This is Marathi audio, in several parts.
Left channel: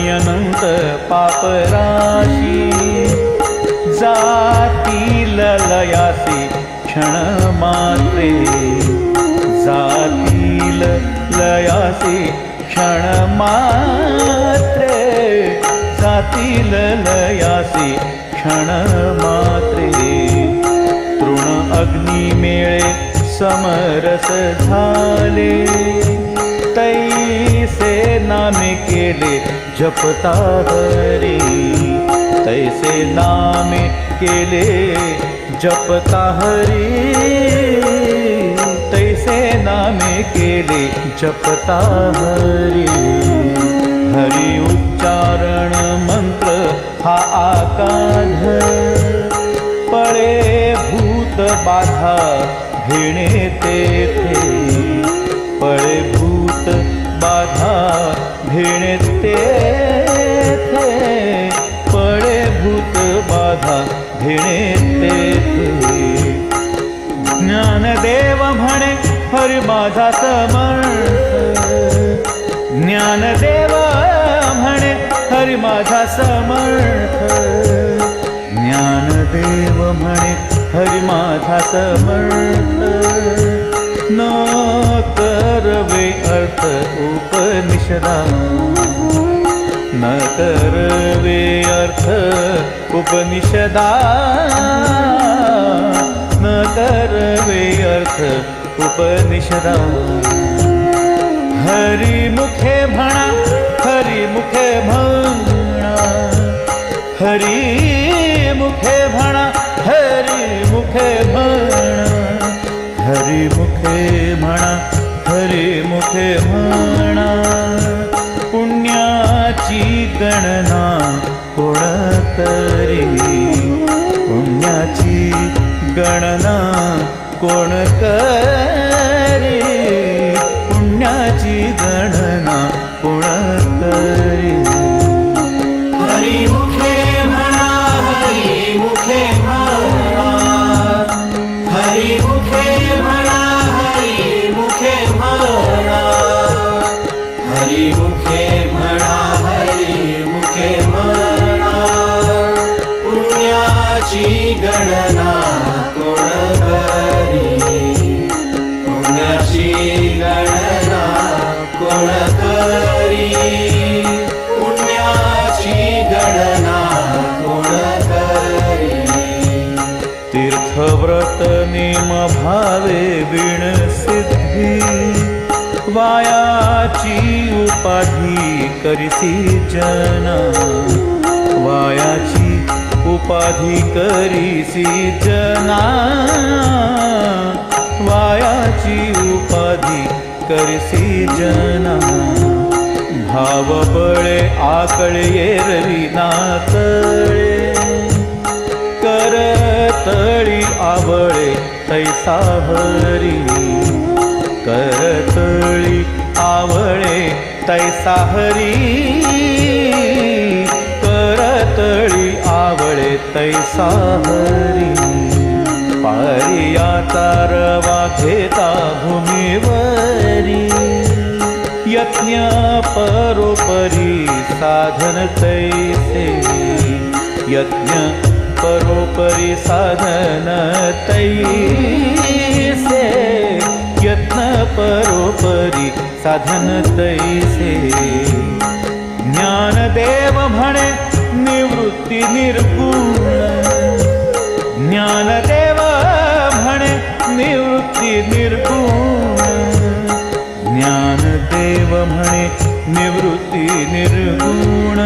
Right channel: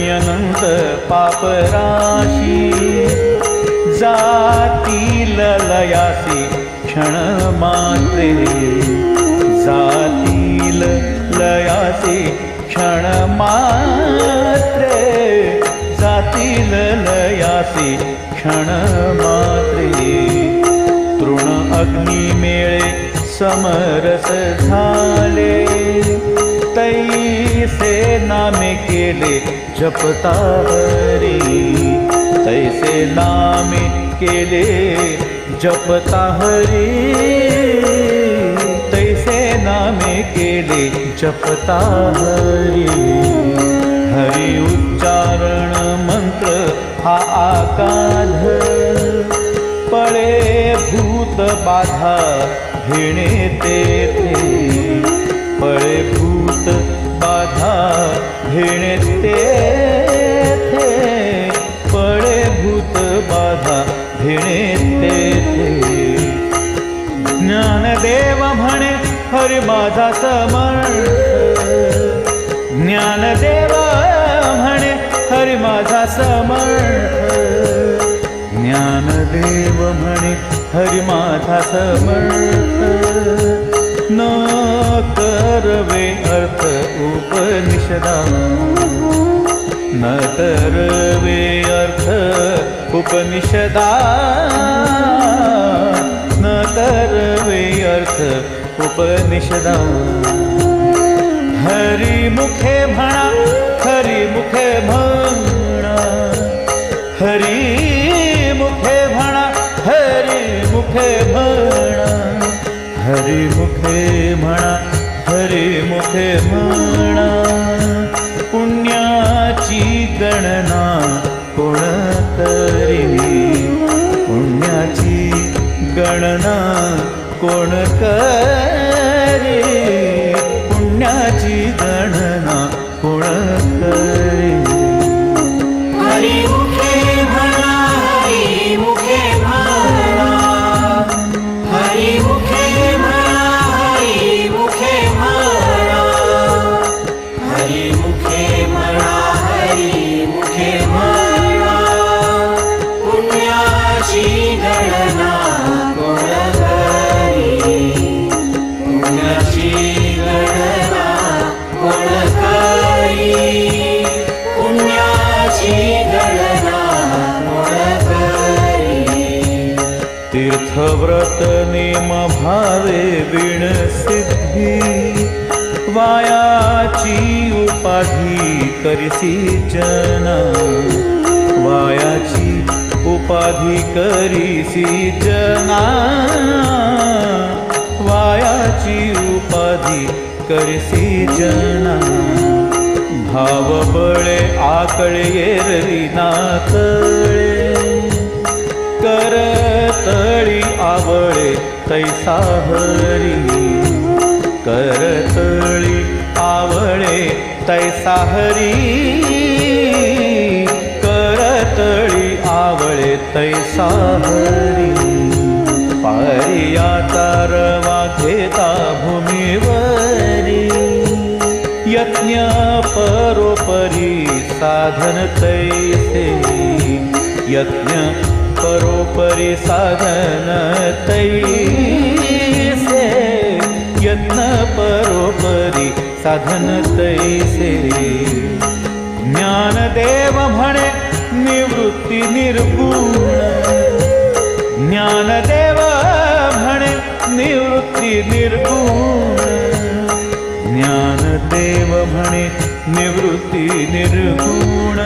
आणि अनंत पापराशी जातील लयासी क्षण मात्रे जातील लयासी क्षण मात्रे जातील लयासी क्षण मात्रे तृण अग्नी मेळे समरस झाले तैसे नामे केले जपता हरी तैसे नामे केले जपता हरी तैसे नामे केले जपता हरी हरी उच्चारण मंत्र हा आकाध पळे भूत बाधा भेणे तेथे पळे भूत बाधा भेणे तेथे पळे भूत बाधा भेणे तेथे ज्ञानदेव म्हणे हरी माझा समर्थ ज्ञानदेव म्हणे हरी माझा समर्थ ज्ञानदेव म्हणे हरी माझा समर्थ न करवे अर्थ उपनिषदा न करवे अर्थ उपनिषदा न करवे अर्थ उपनिषदा हरी मुखे म्हणा हरी मुखे म्हणा हरी मुखे म्हणा हरी मुखे म्हणा हरी मुखे म्हणा हरी मुखे म्हणा पुण्याची गणना कोण करी पुण्याची गणना कोण करी पुण्याची गणना कोण करी हरी मुखे म्हणा हरी मुखे म्हणा हरी मुखे म्हणा हरी मुखे म्हणा हरी मुखे म्हणा हरी मुखे म्हणा पुण्याची गणना कोण करी पुण्याची गणना कोण करी पुण्याची गणना कोण करी तीर्थव्रत नेम भावे विण सिद्धी वायाची उपाधी करिसी जना वायाची उपाधी करिसी जना वायाची उपाधी करिसी जना भाव बळे आकळे एरवी ना कळे करतळी आवळे तैसा हरी करतळी आवळे तैसा हरी करतळी आवळे तैसा हरी पारियाचा रवा घेता भूमीवरी यज्ञ परोपरी साधन तैसे यज्ञ परोपरी साधन तैसे यज्ञ परोपरी साधन तैसे ज्ञानदेव म्हणे निवृत्ती निर्गुण ज्ञानदेव म्हणे निवृत्ती निर्गुण ज्ञानदेव म्हणे निवृत्ती निर्गुण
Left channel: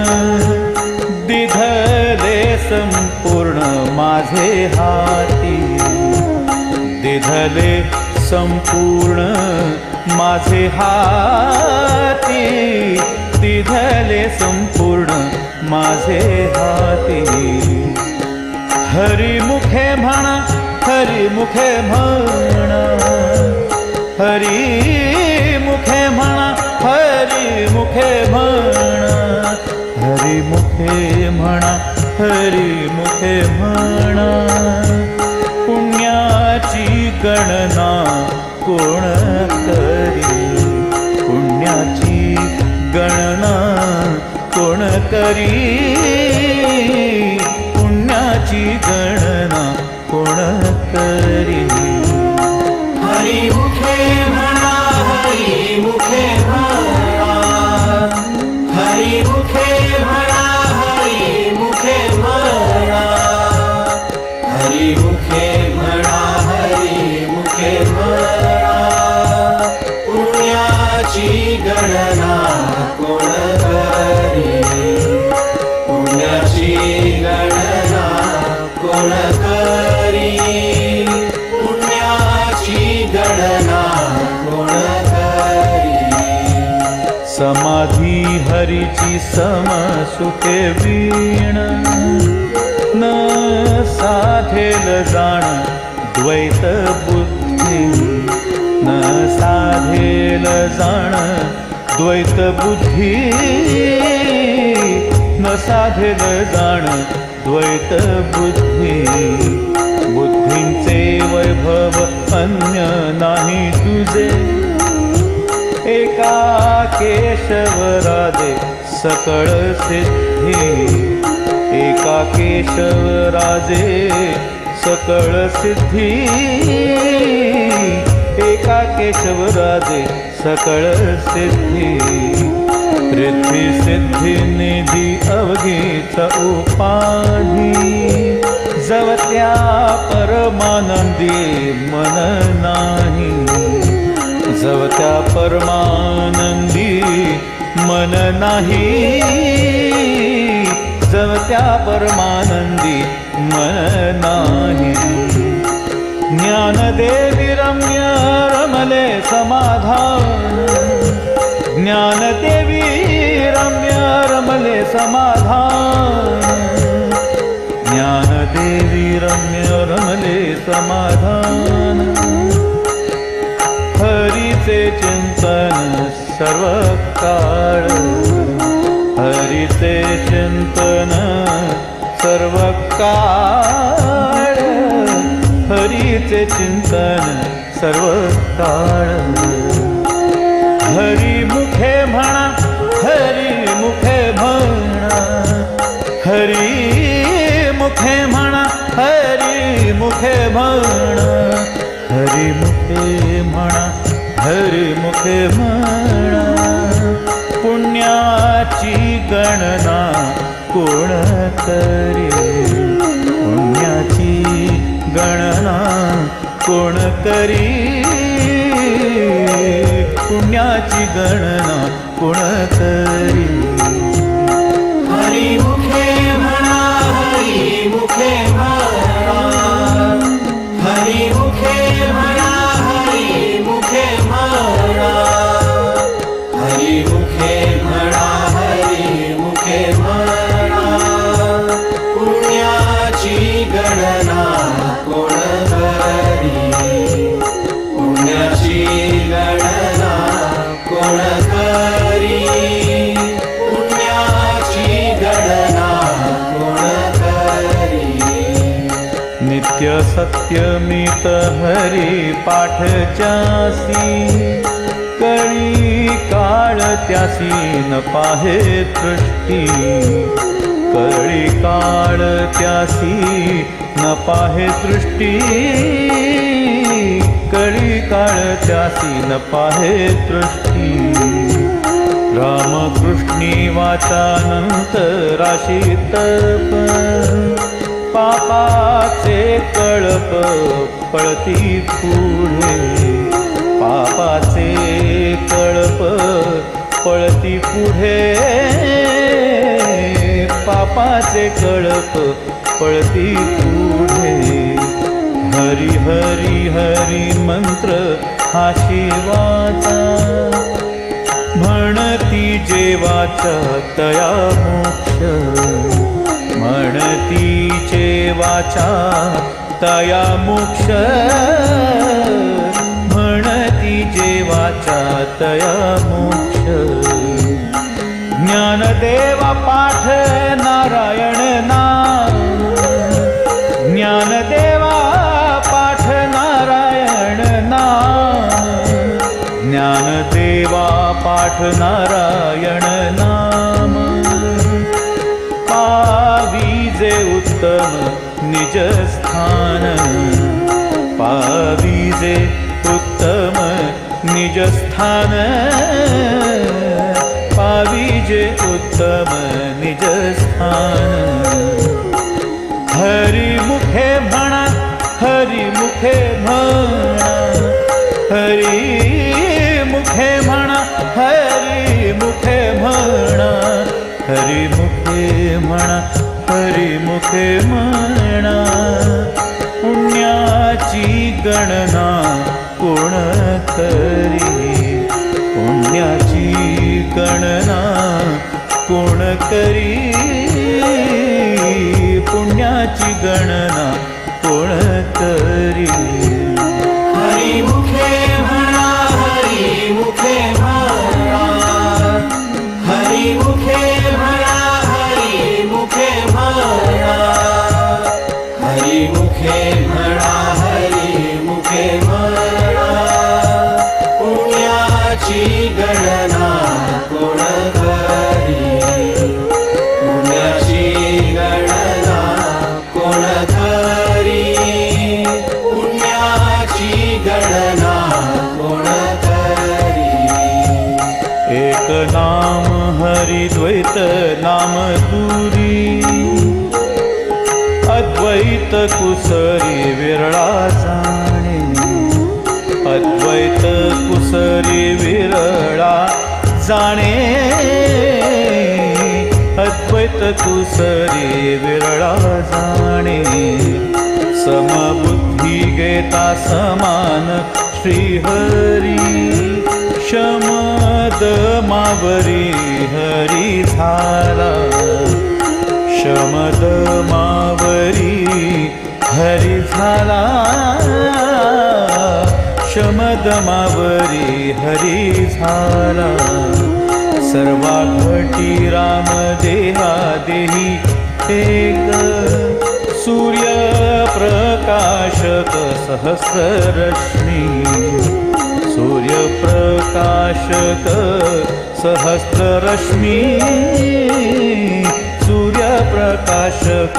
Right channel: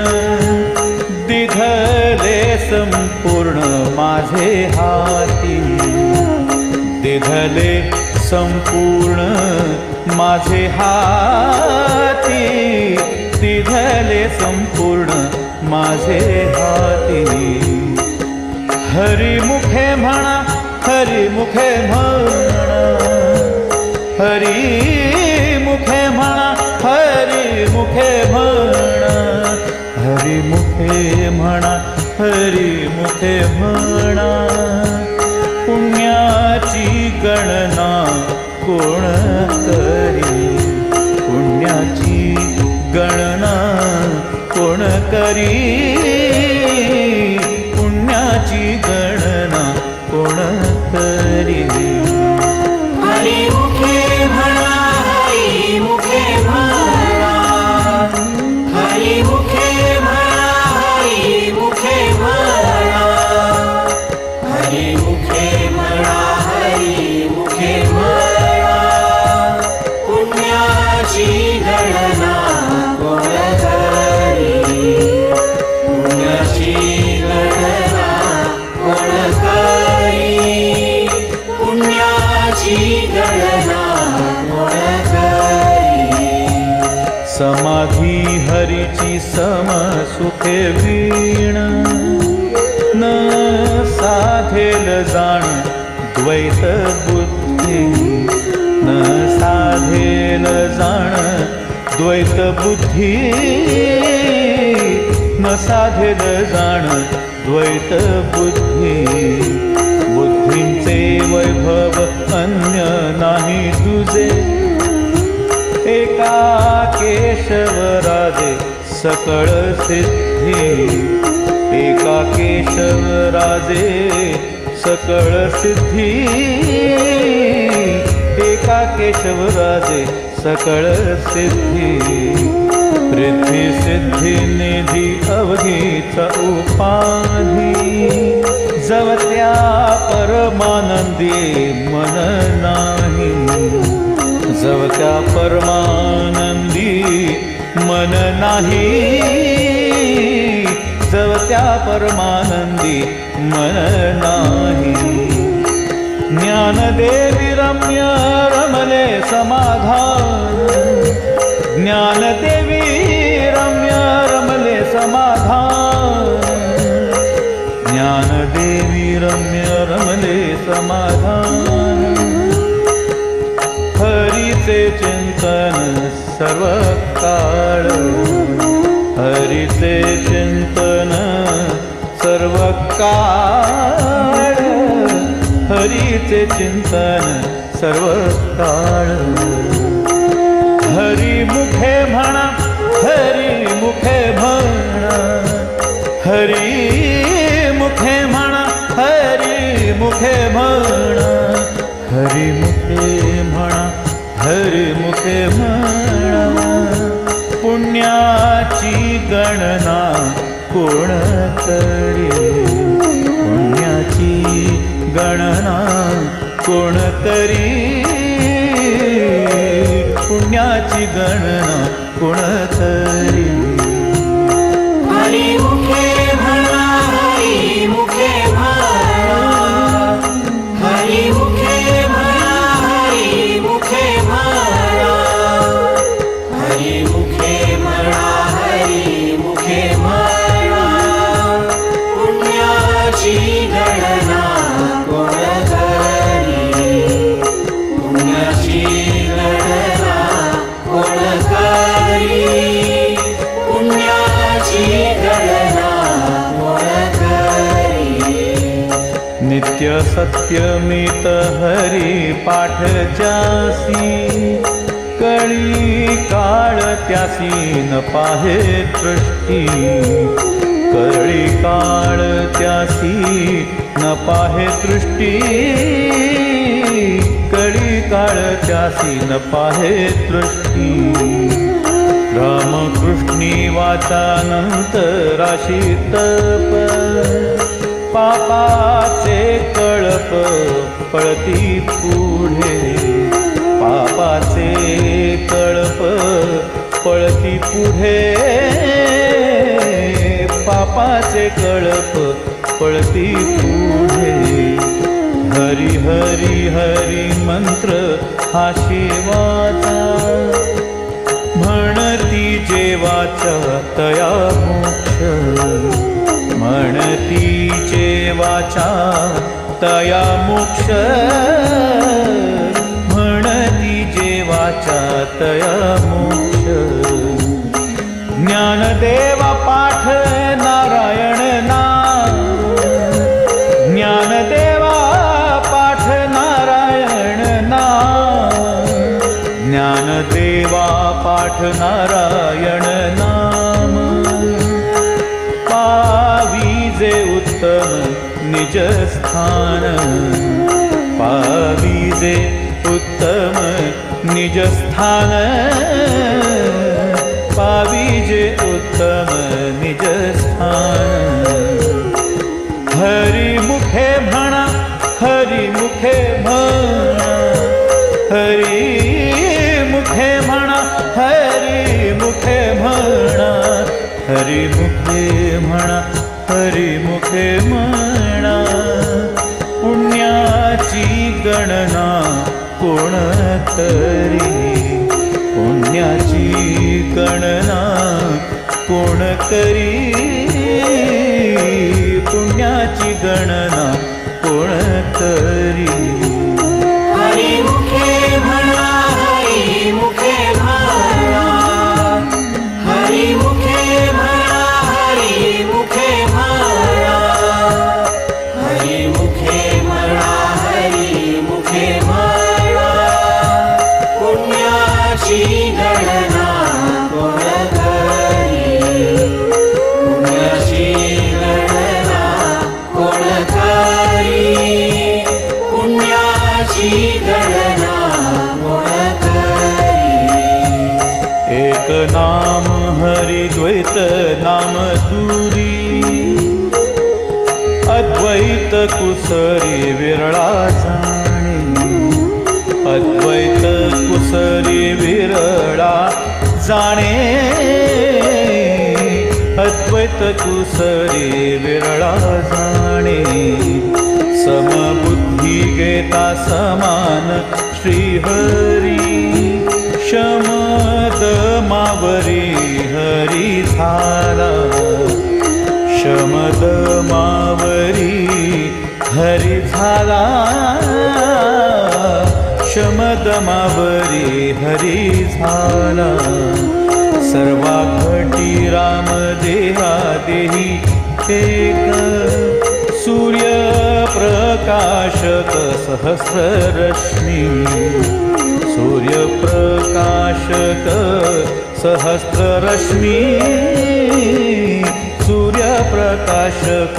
दिधले संपूर्ण माझे हाती दिधले संपूर्ण माझे हाती दिधले संपूर्ण माझे हाती हरी मुखे म्हणा हरी मुखे म्हणा हरी मुखे म्हणा हरी मुखे म्हणा हरी मुखे म्हणा हरी मुखे म्हणा पुण्याची गणना कोण करी पुण्याची गणना कोण करी पुण्याची गणना कोण करी हरिमुखे म्हणा हरिमुखे म्हणा हरिमुखे म्हणा हरिमुखे म्हणा हरिमुखे म्हणा हरिमुखे म्हणा पुण्याची गणना कोण करी पुण्याची गणना कोण करी पुण्याची गणना कोण करी समाधी हरीची समसुखे वीण न साधेल जाण द्वैत बुद्धी न साधेल जाण द्वैत बुद्धी न साधेल जाण द्वैत बुद्धी बुद्धींचे वैभव अन्य नाही तुझे एका केशवराजे सकळ सिद्धी एका केशवराजे सकळ सिद्धी एका केशवराजे सकळ सिद्धी रिद्धी सिद्धी निधी अवघीचा उपाधी जवत्या परमानंदी मन नाही जवत्या परमानंदी मन नाही जवत्या परमानंदी मन नाही ज्ञानदेवी रम्य रमले समाधान ज्ञानदेवी रम्य रमले समाधान ज्ञानदेवी रम्य रमले समाधान हरीचे चिंतन सर्व काळ हरीचे चिंतन सर्व काळ हरीचे चिंतन सर्व काळ हरिमुखे म्हणा हरिमुखे म्हणा हरिमुखे म्हणा हरिमुखे म्हणा हरिमुखे म्हणा हरिमुखे म्हणा पुण्याची गणना कोण करी पुण्याची गणना कोण करी पुण्याची गणना कोण करी हरिमुखे म्हणा हरिमुखे म्हणा हरिमुखे म्हणा हरिमुखे म्हणा हरिमुखे म्हणा हरिमुखे म्हणा पुण्याची गणना कोण करी पुण्याची गणना कोण करी पुण्याची गणना कोण करी नित्य सत्यमित हरी पाठ जासी कळी काळ त्यासी न पाहे दृष्टी कळी काळ त्यासी न पाहे दृष्टी कळी काळ त्यासी न पाहे दृष्टी रामकृष्णी वाचानंतराशी तप पापाचे कळप पळती पुढे पापाचे कळप पळती पुढे पापाचे कळप पळती पुढे हरी हरी हरी मंत्र हा शिवाचा म्हणती जेवाचा तया मोक्ष म्हणती जेवाचा तया मोक्ष म्हणती जेवाचा तया मोक्ष ज्ञानदेवा पाठ नारायण नाम ज्ञानदेवा पाठ नारायण नाम ज्ञानदेवा पाठ नारायण नाम उत्तम निज स्थान पाविजे उत्तम निज स्थान पाविजे उत्तम निज स्थान हरी मुखे म्हणा हरी मुखे म्हणा हरी मुखे म्हणा हरी मुखे म्हणा हरी मुखे म्हणा हरी मुखे म्हणा पुण्याची गणना कोण करी पुण्याची गणना कोण करी पुण्याची गणना कोण करी हरी मुखे म्हणा हरी मुखे म्हणा हरी मुखे म्हणा हरी मुखे म्हणा हरी मुखे म्हणा हरी मुखे म्हणा पुण्याची गणना कोण करी पुण्याची गणना कोण करी पुण्याची गणना कोण करी एक नाम हरि द्वैत नाम दूरी अद्वैत कुसरी विरळा जाणे अद्वैत कुसरी विरळा जाणे अद्वैत कुसरी विरळा जाणे समबुद्धी गेता समान श्रीहरी शमद मावरी हरी झाला शमद मावरी हरी झाला शमद मावरी हरी झाला सर्वा घटी राम देहा देही एक सूर्य प्रकाशक सहस्र रश्मी सूर्य प्रकाशक सहस्र रश्मी सूर्य प्रकाशक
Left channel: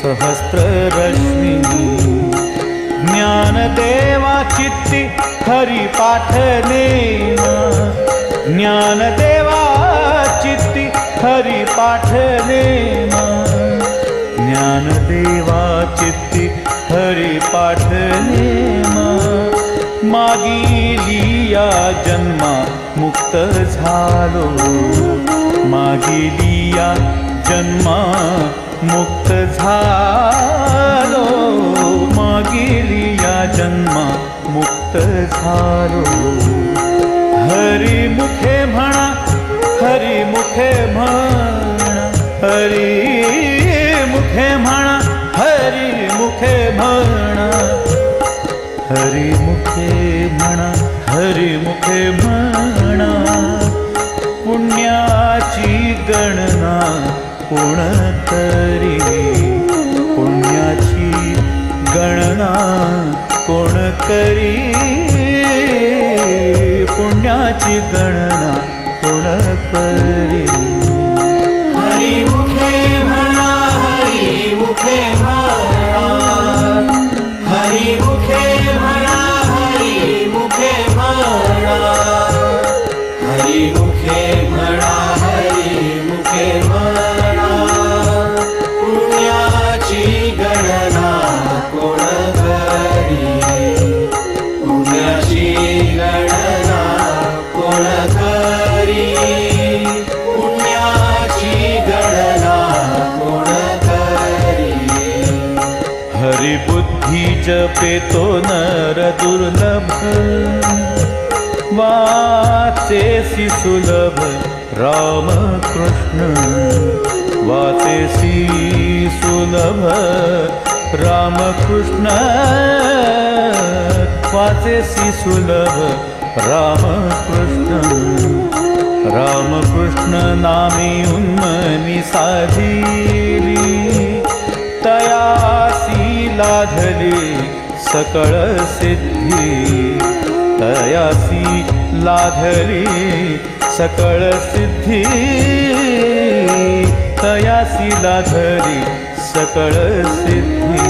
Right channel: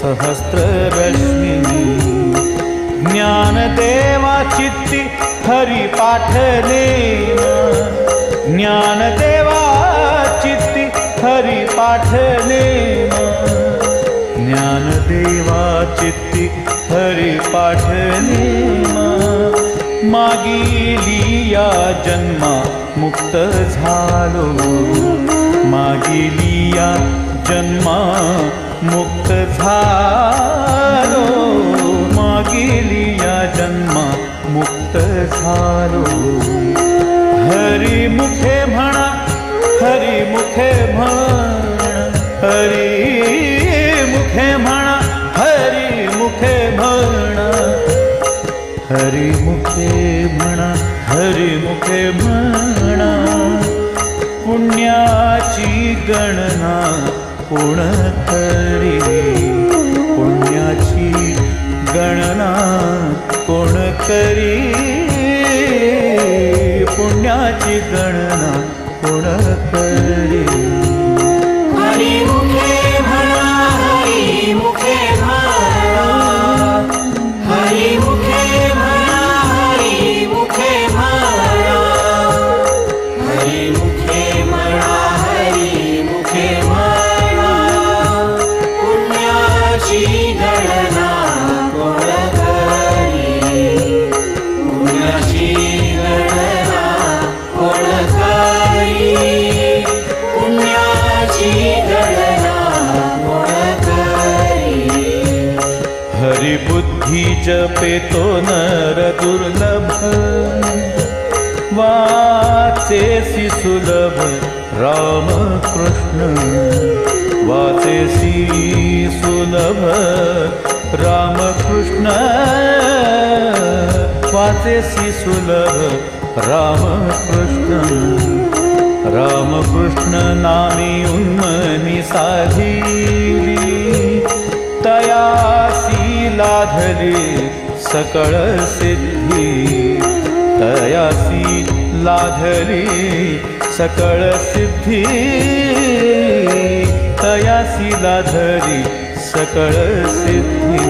सहस्र रश्मी ज्ञानदेवा चित्ती हरि पाठ नेमा ज्ञानदेवा चित्ती हरि पाठ नेमा ज्ञानदेवा चित्ती हरि पाठ नेमा मागिली या जन्मा मुक्त झालो मागिली या जन्मा मुक्त झालो मागिली या जन्मा मुक्त झालो हरी मुखे म्हणा हरी मुखे म्हणा हरी मुखे म्हणा हरी मुखे म्हणा हरी मुखे म्हणा हरी मुखे म्हणा पुण्याची गणना कोण करी पुण्याची गणना कोण करी पुण्याची गणना कोण करी हरी मुखे म्हणा हरी मुखे म्हणा हरी मुखे म्हणा हरी मुखे म्हणा हरी मुखे म्हणा हरी मुखे म्हणा पुण्याची गणना कोण करी पुण्याची गणना कोण करी पुण्याची गणना कोण करी हरी बुद्धी जपेतो नर दुर्लभ वाचेसी सुलभ राम कृष्ण वाचेसी सुलभ राम कृष्ण वाचेसी सुलभ राम कृष्ण राम कृष्ण नामी उन्मनी साधिली तयासी लाधली सकळ सिद्धी तयासी लाधली सकळ सिद्धी तयासी लाधली सकळ सिद्धी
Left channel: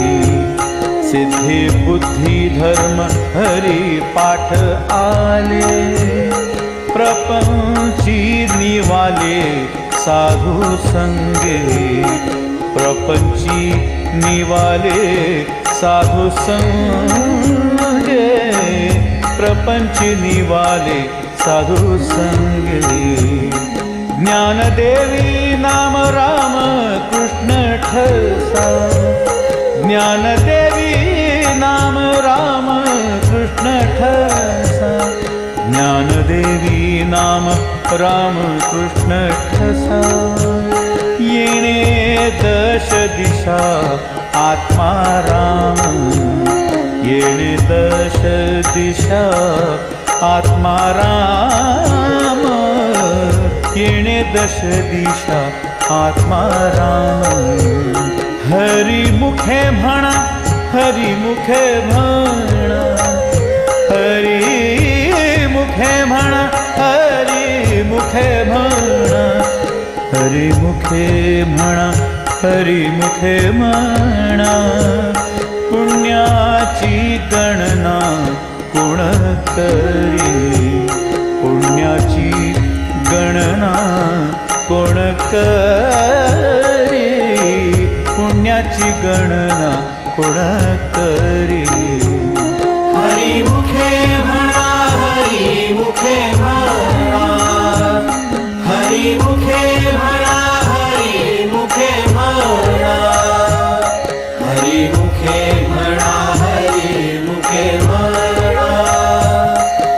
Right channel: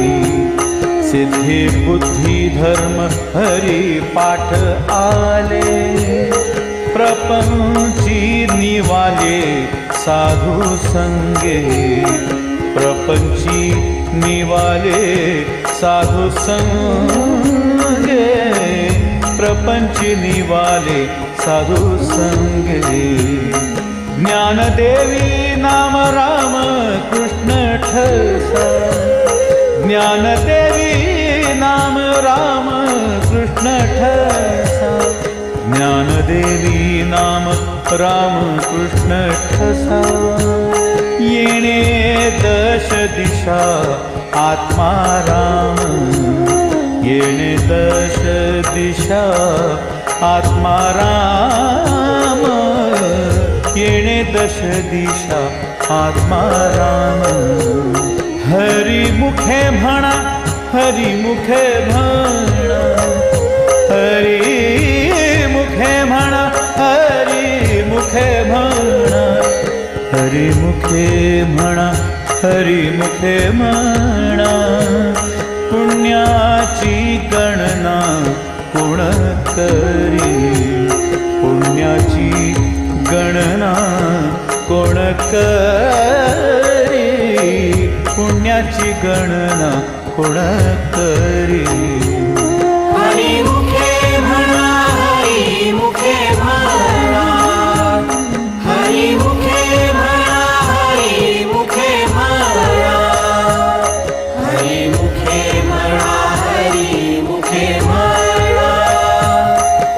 सिद्धी बुद्धी धर्म हरी पाठ आले प्रपंची निवाले साधू संगे प्रपंची निवाले साधू संगे प्रपंची निवाले साधू संगे ज्ञानदेवी नाम राम कृष्ण ठसा ज्ञानदेवी नाम राम कृष्ण ठसा ज्ञानदेवी नाम राम कृष्ण ठसा येणे दश दिशा आत्मा राम येणे दश दिशा आत्मा राम येणे दश दिशा आत्मा राम हरी मुखे म्हणा हरी मुखे म्हणा हरी मुखे म्हणा हरी मुखे म्हणा हरी मुखे म्हणा हरी मुखे म्हणा पुण्याची गणना कोण करी पुण्याची गणना कोण करी पुण्याची गणना कोण करी हरी मुखे म्हणा हरी मुखे म्हणा हरी मुखे म्हणा हरी मुखे म्हणा हरी मुखे म्हणा हरी मुखे म्हणा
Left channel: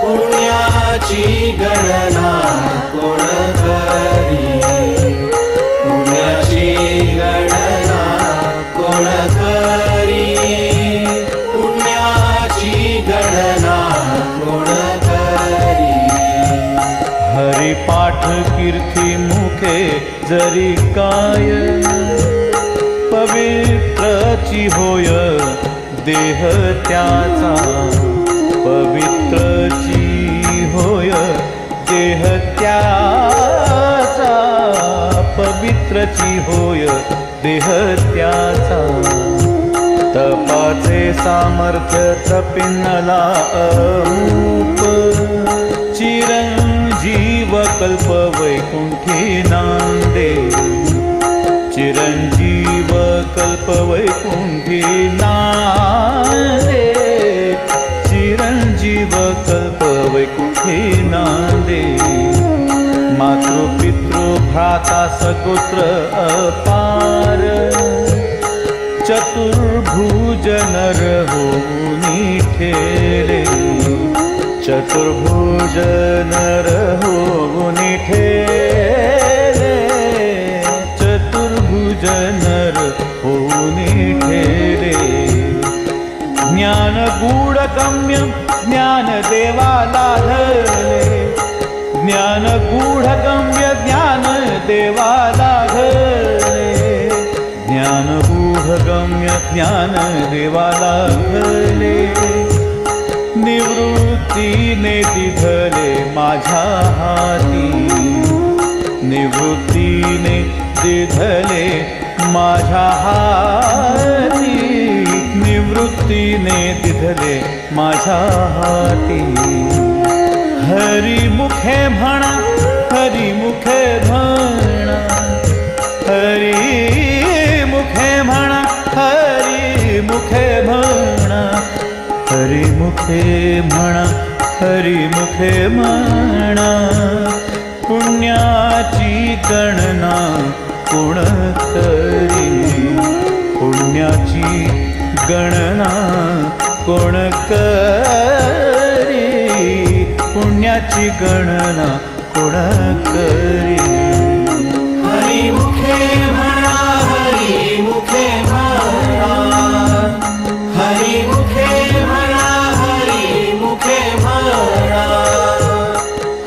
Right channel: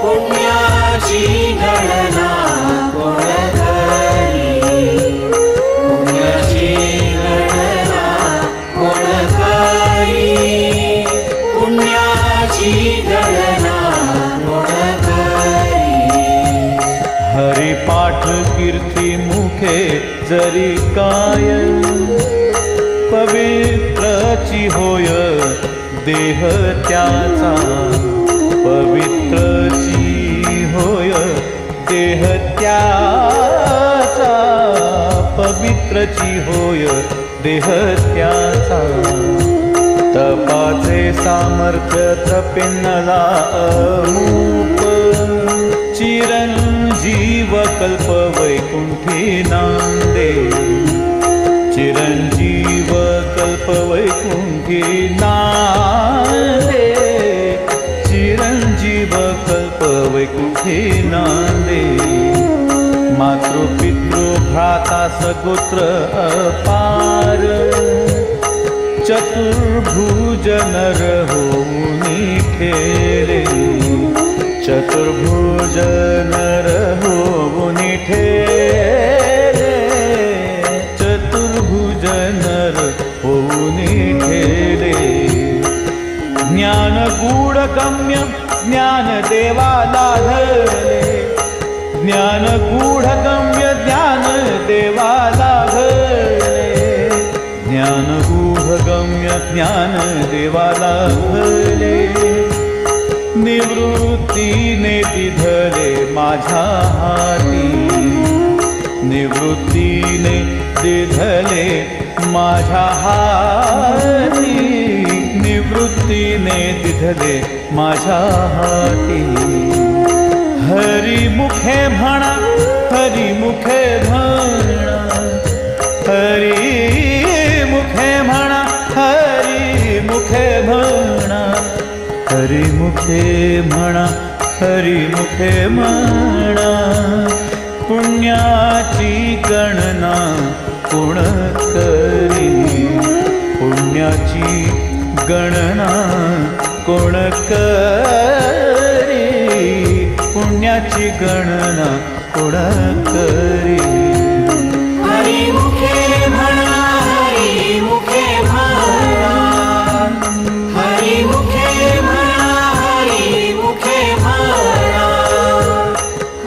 पुण्याची गणना कोण करी पुण्याची गणना कोण करी पुण्याची गणना कोण करी हरिपाठ कीर्ती मुखे जरी काय पवित्रची होय देह त्याचा पवित्रची होय देह त्याचा पवित्रची होय देह त्याचा तपाचे सामर्थ्य तपिन्नला अमूप चिरंजीव कल्प वैकुंठी नांदे चिरंजीव कल्प वैकुंठी नांदे चिरंजीव कल्प वैकुंठी नांदे मातृपितृ भ्राता सगोत्र अपार चतुर्भुज नर होऊनी ठेले चतुर्भुज नर होऊनी ठेले चतुर्भुज नर होऊनी ठेले ज्ञान गूढ गम्य ज्ञान देवा लाघले ज्ञान गूढ गम्य ज्ञान देवा लाघले ज्ञान गूढ गम्य ज्ञान देवा लाघले निवृत्तीने दिधले माझ्या हाती निवृत्तीने दिधले माझ्या हाती निवृत्तीने दिधले माझ्या हाती हरी मुखे म्हणा हरी मुखे म्हणा हरी मुखे म्हणा हरी मुखे म्हणा हरी मुखे म्हणा हरी मुखे म्हणा पुण्याची गणना कोण करी पुण्याची गणना कोण करी पुण्याची गणना कोण करी हरी मुखे म्हणा हरी मुखे म्हणा हरी मुखे म्हणा हरी मुखे म्हणा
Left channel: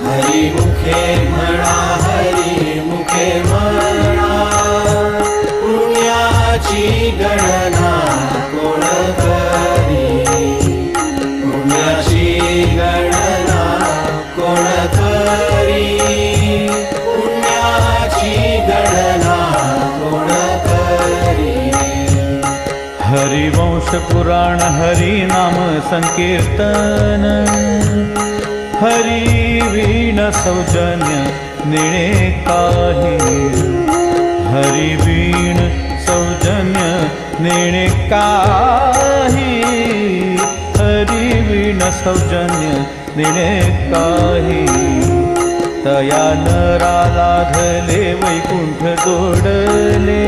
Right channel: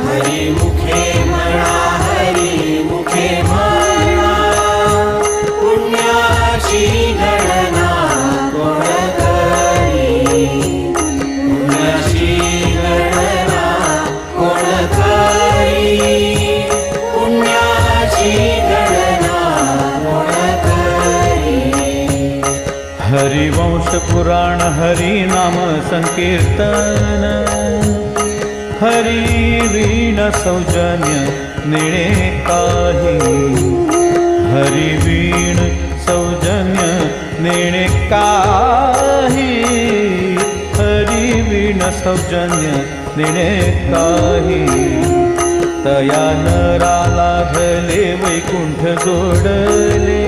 हरी मुखे म्हणा हरी मुखे म्हणा पुण्याची गणना कोण करी पुण्याची गणना कोण करी पुण्य हरिवंश पुराण हरिनाम संकीर्तन हरिवीण सौजन्य नेणे काही हरिवीण सौजन्य नेणे काही हरिवीण सौजन्य नेणे काही तया नराला धले वैकुंठ जोडले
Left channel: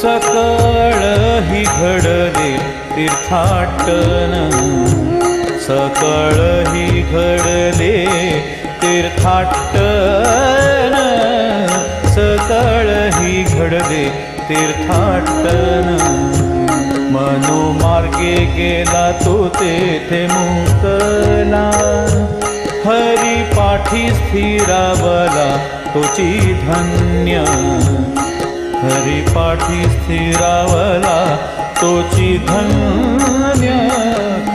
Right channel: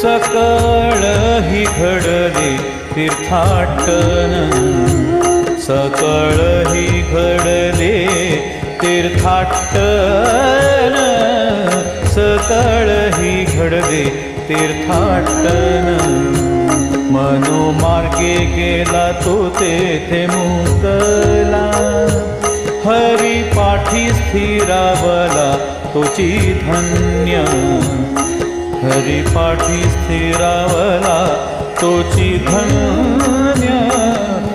सकळ ही घडले तीर्थाटन सकळ ही घडले तीर्थाटन सकळ ही घडले तीर्थाटन मनोमार्गे गेला तो तेथे मुकला हरी पाठी स्थिरावला तोची धन्य हरी पाठी स्थिरावला तोची धन्य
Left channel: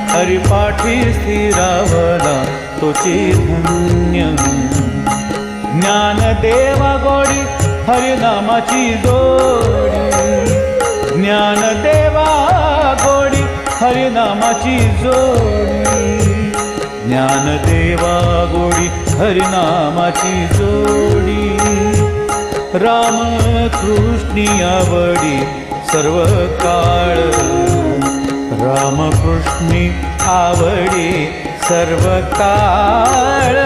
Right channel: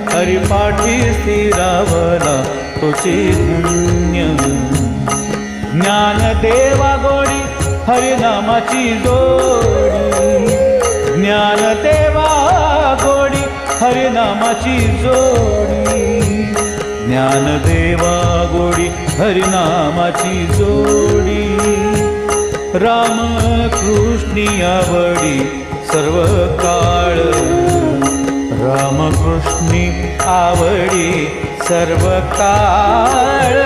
हरी पाठी स्थिरावला तोची धन्य ज्ञानदेवा गोडी हरिनामाची जोडी ज्ञानदेवा गोडी हरिनामाची जोडी ज्ञानदेवा गोडी हरिनामाची जोडी रामकृष्णी आवडी सर्व काळ रामकृष्णी आवडी सर्व काळ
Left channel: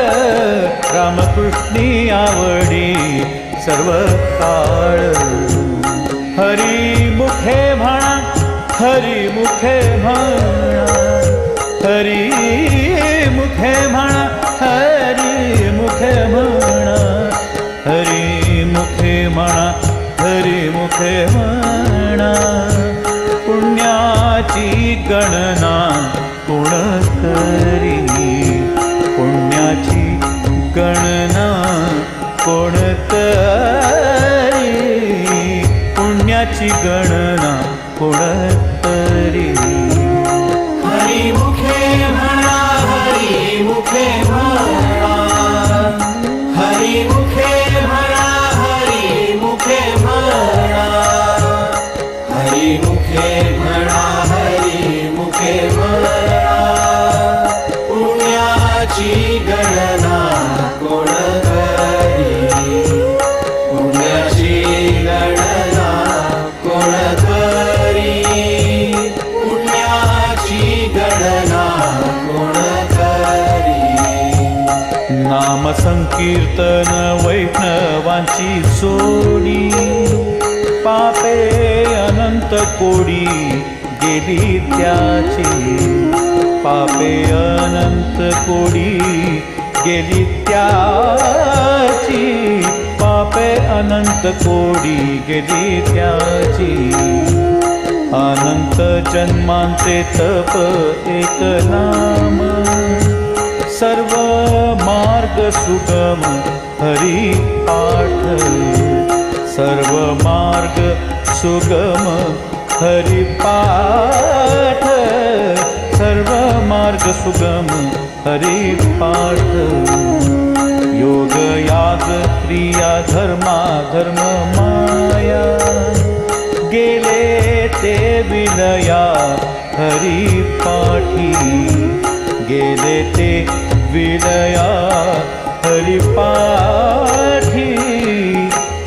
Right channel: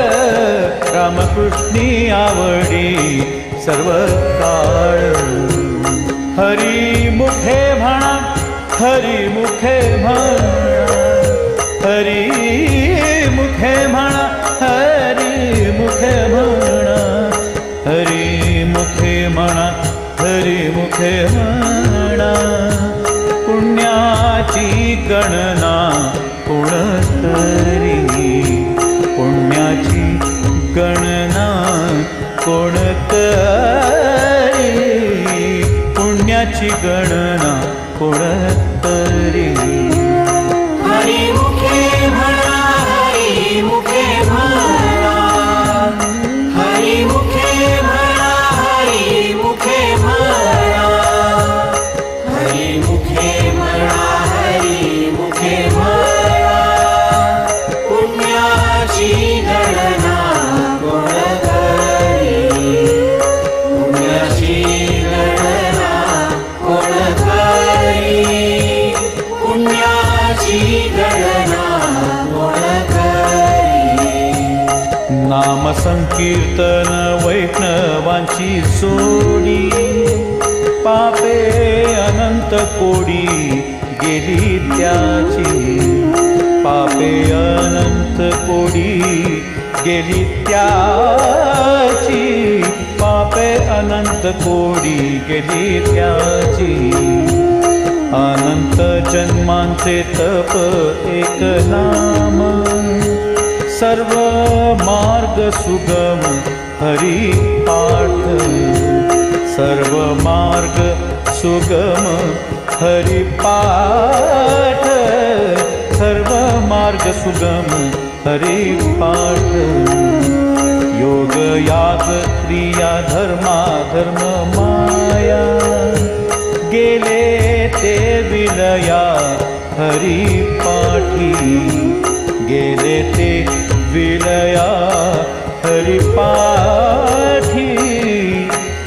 रामकृष्णी आवडी सर्व काळ हरी मुखे म्हणा हरी मुखे म्हणा हरी मुखे म्हणा हरी मुखे म्हणा हरी मुखे म्हणा हरी मुखे म्हणा पुण्याची गणना कोण करी पुण्याची गणना कोण करी पुण्याची गणना कोण करी हरी मुखे म्हणा हरी मुखे म्हणा हरी मुखे म्हणा हरी मुखे म्हणा हरी मुखे म्हणा हरी मुखे म्हणा पुण्याची गणना कोण करी पुण्याची गणना कोण करी पुण्याची गणना कोण करी नाम संकीर्तन वैष्णवांची जोडी पापे अनंत कोडी गेली त्याची पापे अनंत कोडी गेली त्याची पापे अनंत कोडी गेली त्याची अनंत जन्मांचे तप एक नाम सर्व मार्ग सुगम हरी पाठ सर्व मार्ग सुगम हरी पाठ सर्व मार्ग सुगम हरी पाठ योग याग क्रिया धर्मा धर्म माया गेले ते विलया हरी पाठी गेले ते विलया हरी पाठी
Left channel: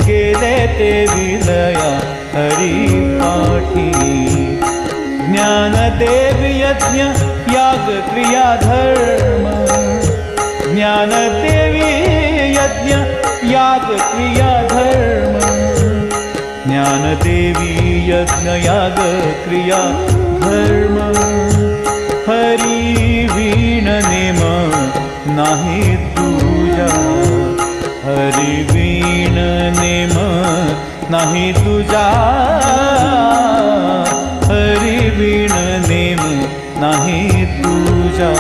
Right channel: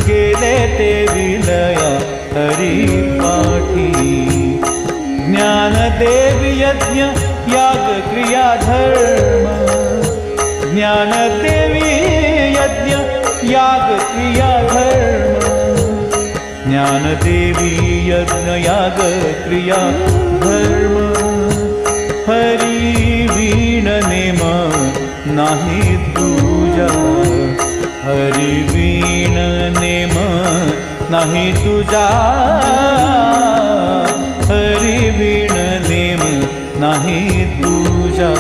गेले ते विलया हरी पाठी ज्ञानदेव यज्ञ याग क्रिया धर्म ज्ञानदेवी यज्ञ याग क्रिया धर्म ज्ञानदेवी यज्ञ याग क्रिया धर्म हरी वीण नेम नाही तुझा हरी वीण नेम नाही तुझा हरी वीण नेम नाही तुझा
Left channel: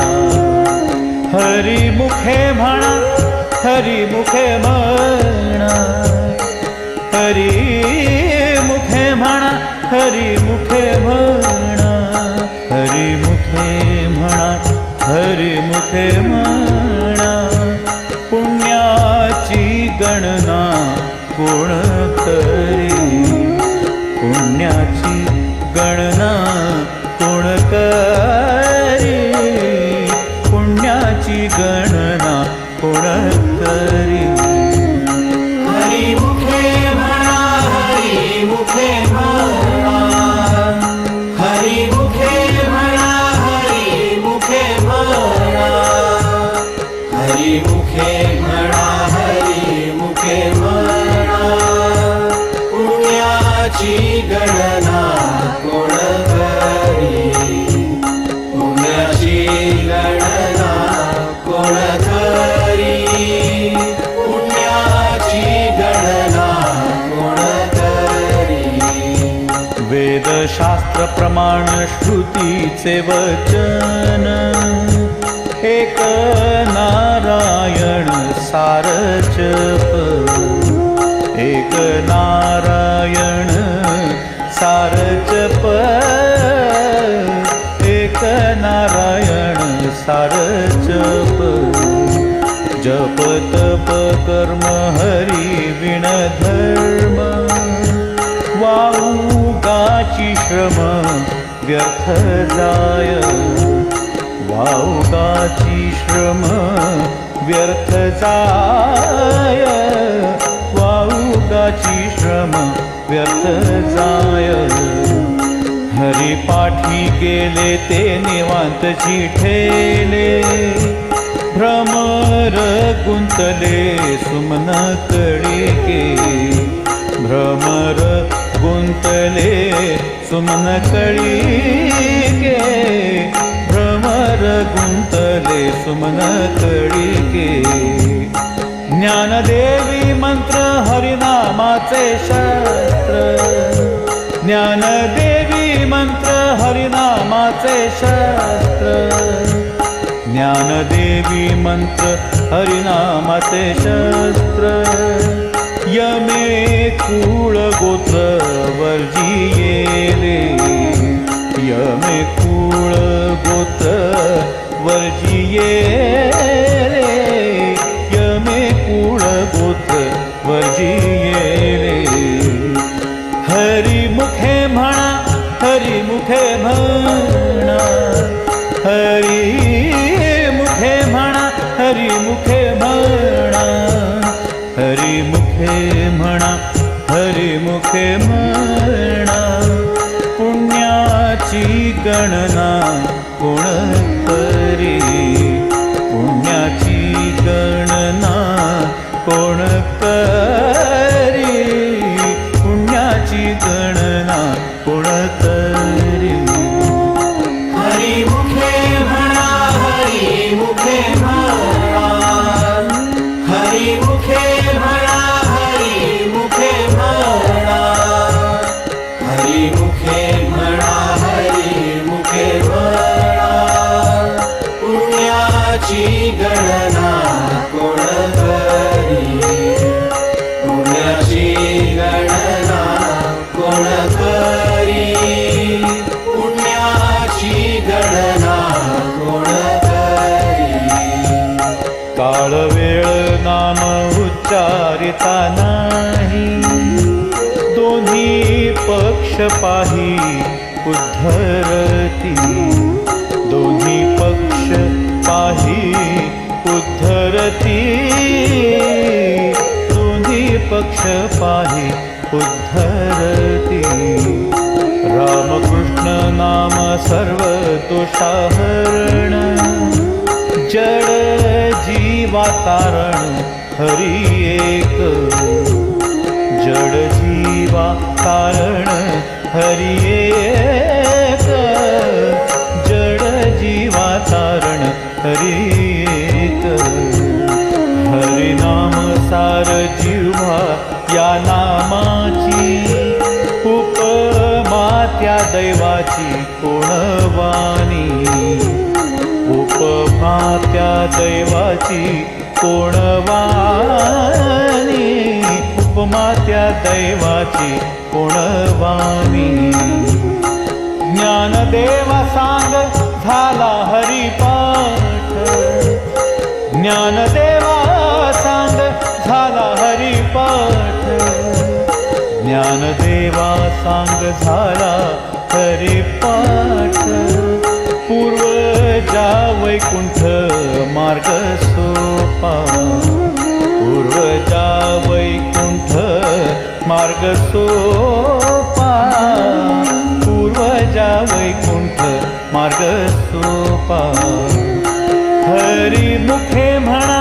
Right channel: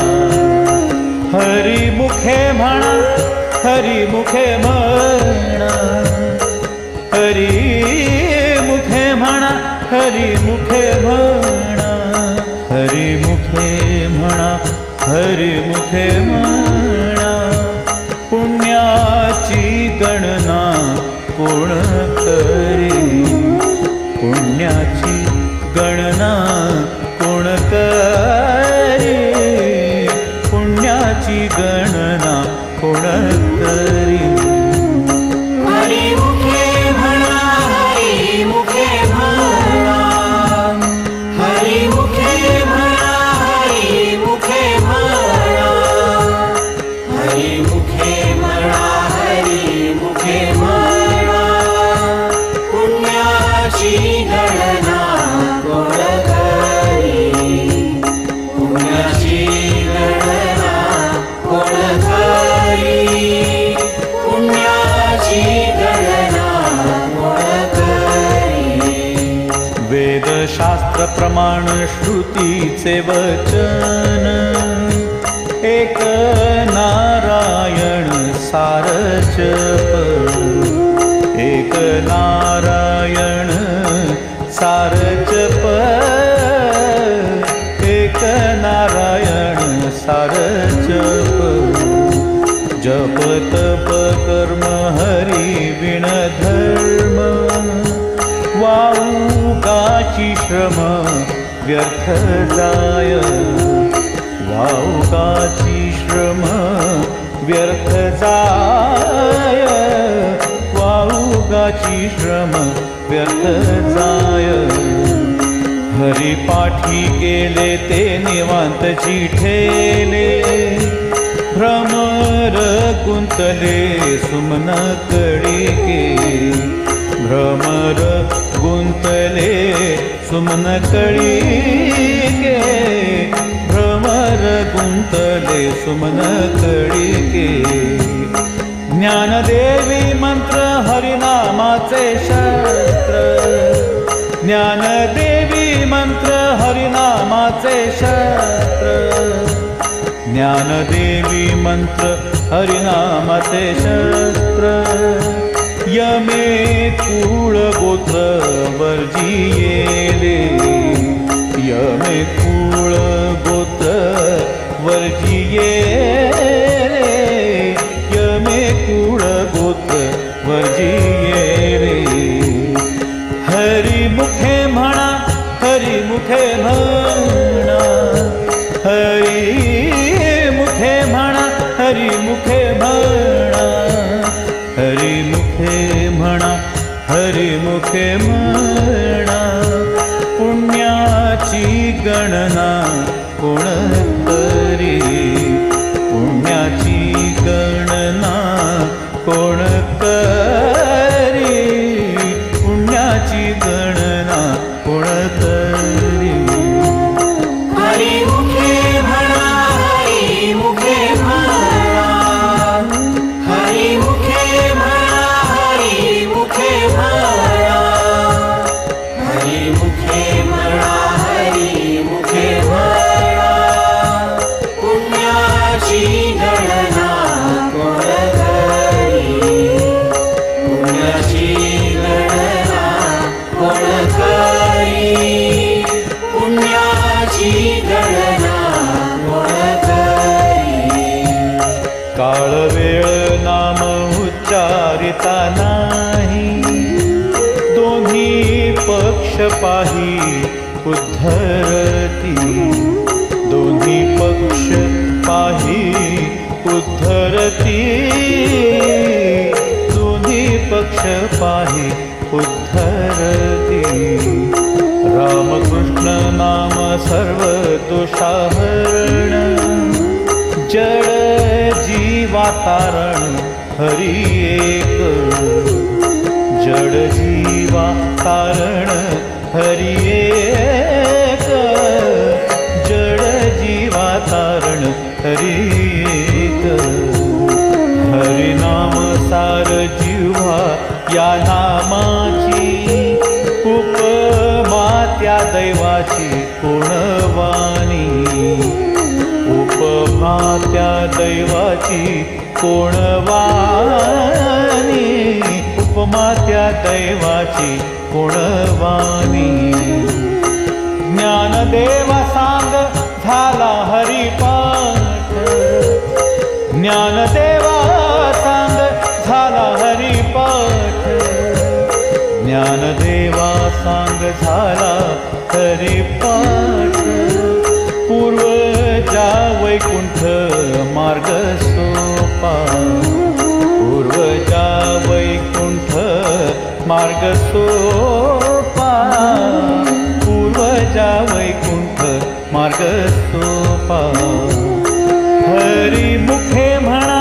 हरी मुखे म्हणा हरी मुखे म्हणा हरी मुखे म्हणा हरी मुखे म्हणा हरी मुखे म्हणा हरी मुखे म्हणा पुण्याची गणना कोण करी पुण्याची गणना कोण करी पुण्याची गणना कोण करी हरी मुखे म्हणा हरी मुखे म्हणा हरी मुखे म्हणा हरी मुखे म्हणा हरी मुखे म्हणा हरी मुखे म्हणा पुण्याची गणना कोण करी पुण्याची गणना कोण करी पुण्याची गणना कोण करी वेदशास्त्र प्रमाण श्रुतीचे वचन एक नारायण सारचप एक नारायण सारचप एक नारायण सारचप जप तप कर्म हरी विण धर्म वाऊगाची श्रम व्यर्थ जाय वाऊगाची श्रम व्यर्थ जाय वाऊगाची श्रम व्यर्थ जाय हरिपाठी गेले ते निवांत जिठेले भ्रमर गुंतले सुमन कळिके भ्रमर गुंतले सुमन कळिके भ्रमर गुंतले सुमन कळिके ज्ञानदेवी मंत्र हरिनामाचे शस्त्र ज्ञानदेवी मंत्र हरिनामाचे शस्त्र ज्ञानदेवी मंत्र हरिनामाचे शस्त्र यमे कुळ गोत्र वर्जियेले यमे कुळ गोत्र वर्जियेले यमे कुळ गोत्र वर्जियेले हरी मुखे म्हणा हरी मुखे म्हणा हरी मुखे म्हणा हरी मुखे म्हणा हरी मुखे म्हणा हरी मुखे म्हणा पुण्याची गणना कोण करी पुण्याची गणना कोण करी पुण्याची गणना कोण करी हरी मुखे म्हणा हरी मुखे म्हणा हरी मुखे म्हणा हरी मुखे म्हणा हरी मुखे म्हणा हरी मुखे म्हणा पुण्याची गणना कोण करी पुण्याची गणना कोण करी पुण्याची गणना कोण करी काळ वेळ नाम उच्चारिता नाही दोन्ही पक्ष पाही उद्धरती दोन्ही पक्ष पाही उद्धरती दोन्ही पक्ष पाही उद्धरती रामकृष्ण नाम सर्व दोषाहरण जड जीवा तारण हरी एक जड जीवा तारण हरी एक जड जीवा तारण हरी एक हरिनाम सार जिव्हा या नामाची उपमा त्या दैवाची कोण वाणी उपमा त्या दैवाची कोण वाणी उपमा त्या दैवाची कोण वाणी ज्ञानदेवा सांग झाला हरिपाठ ज्ञानदेवा सांग झाला हरिपाठ ज्ञानदेवा सांग झाला हरिपाठ पूर्वजा वैकुंठ मार्ग सोपा पूर्वजा वैकुंठ मार्ग सोपा पूर्वजा वैकुंठ मार्ग सोपा हरिमुखे म्हणा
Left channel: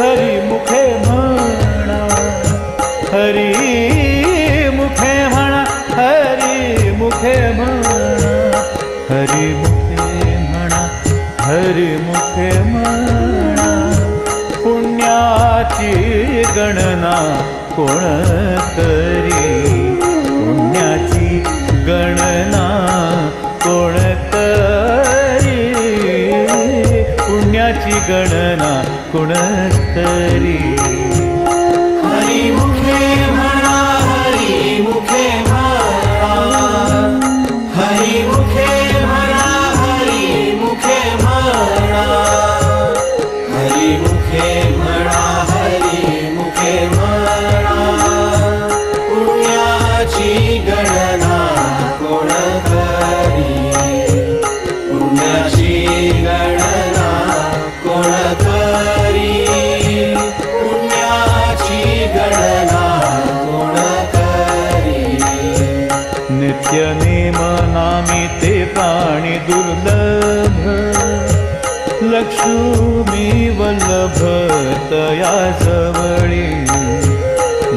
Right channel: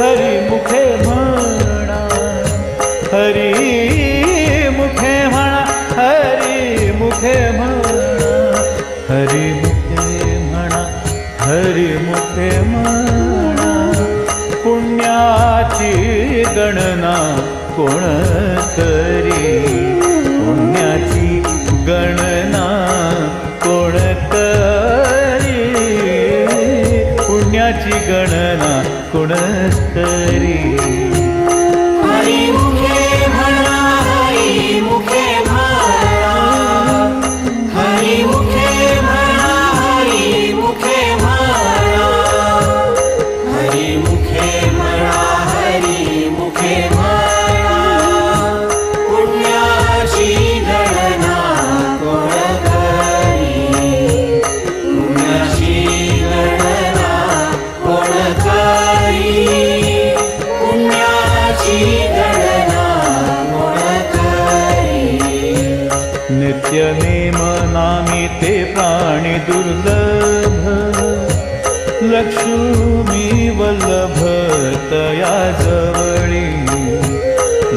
हरिमुखे म्हणा हरिमुखे म्हणा हरिमुखे म्हणा हरिमुखे म्हणा हरिमुखे म्हणा पुण्याची गणना कोण करी पुण्याची गणना कोण करी पुण्याची गणना कोण करी हरिमुखे म्हणा हरिमुखे म्हणा हरिमुखे म्हणा हरिमुखे म्हणा हरिमुखे म्हणा हरिमुखे म्हणा पुण्याची गणना कोण करी पुण्याची गणना कोण करी पुण्याची गणना कोण करी नित्य नेम नामी ते प्राणी दुर्लभ लक्ष्मी वल्लभ तया जवळी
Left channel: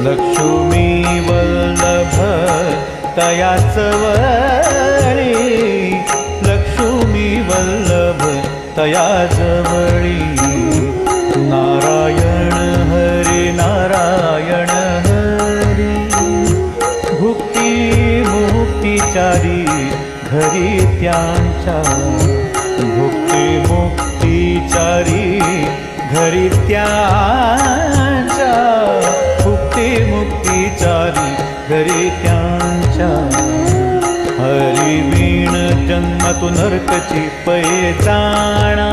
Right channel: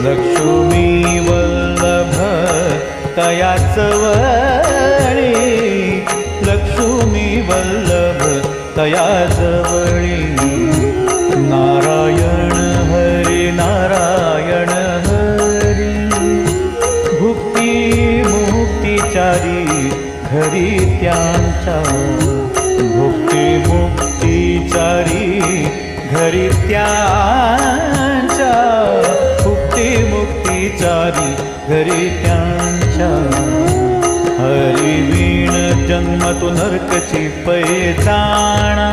लक्ष्मी वल्लभ तया जवळी लक्ष्मी वल्लभ तया जवळी नारायण हरी नारायण हरी भुक्ती मुक्तीचारी घरी त्यांच्या भुक्ती मुक्तीचारी घरी त्यांच्या भुक्ती मुक्तीचारी घरी त्यांच्या हरिवीण जन्म तो नरकची पैजाणा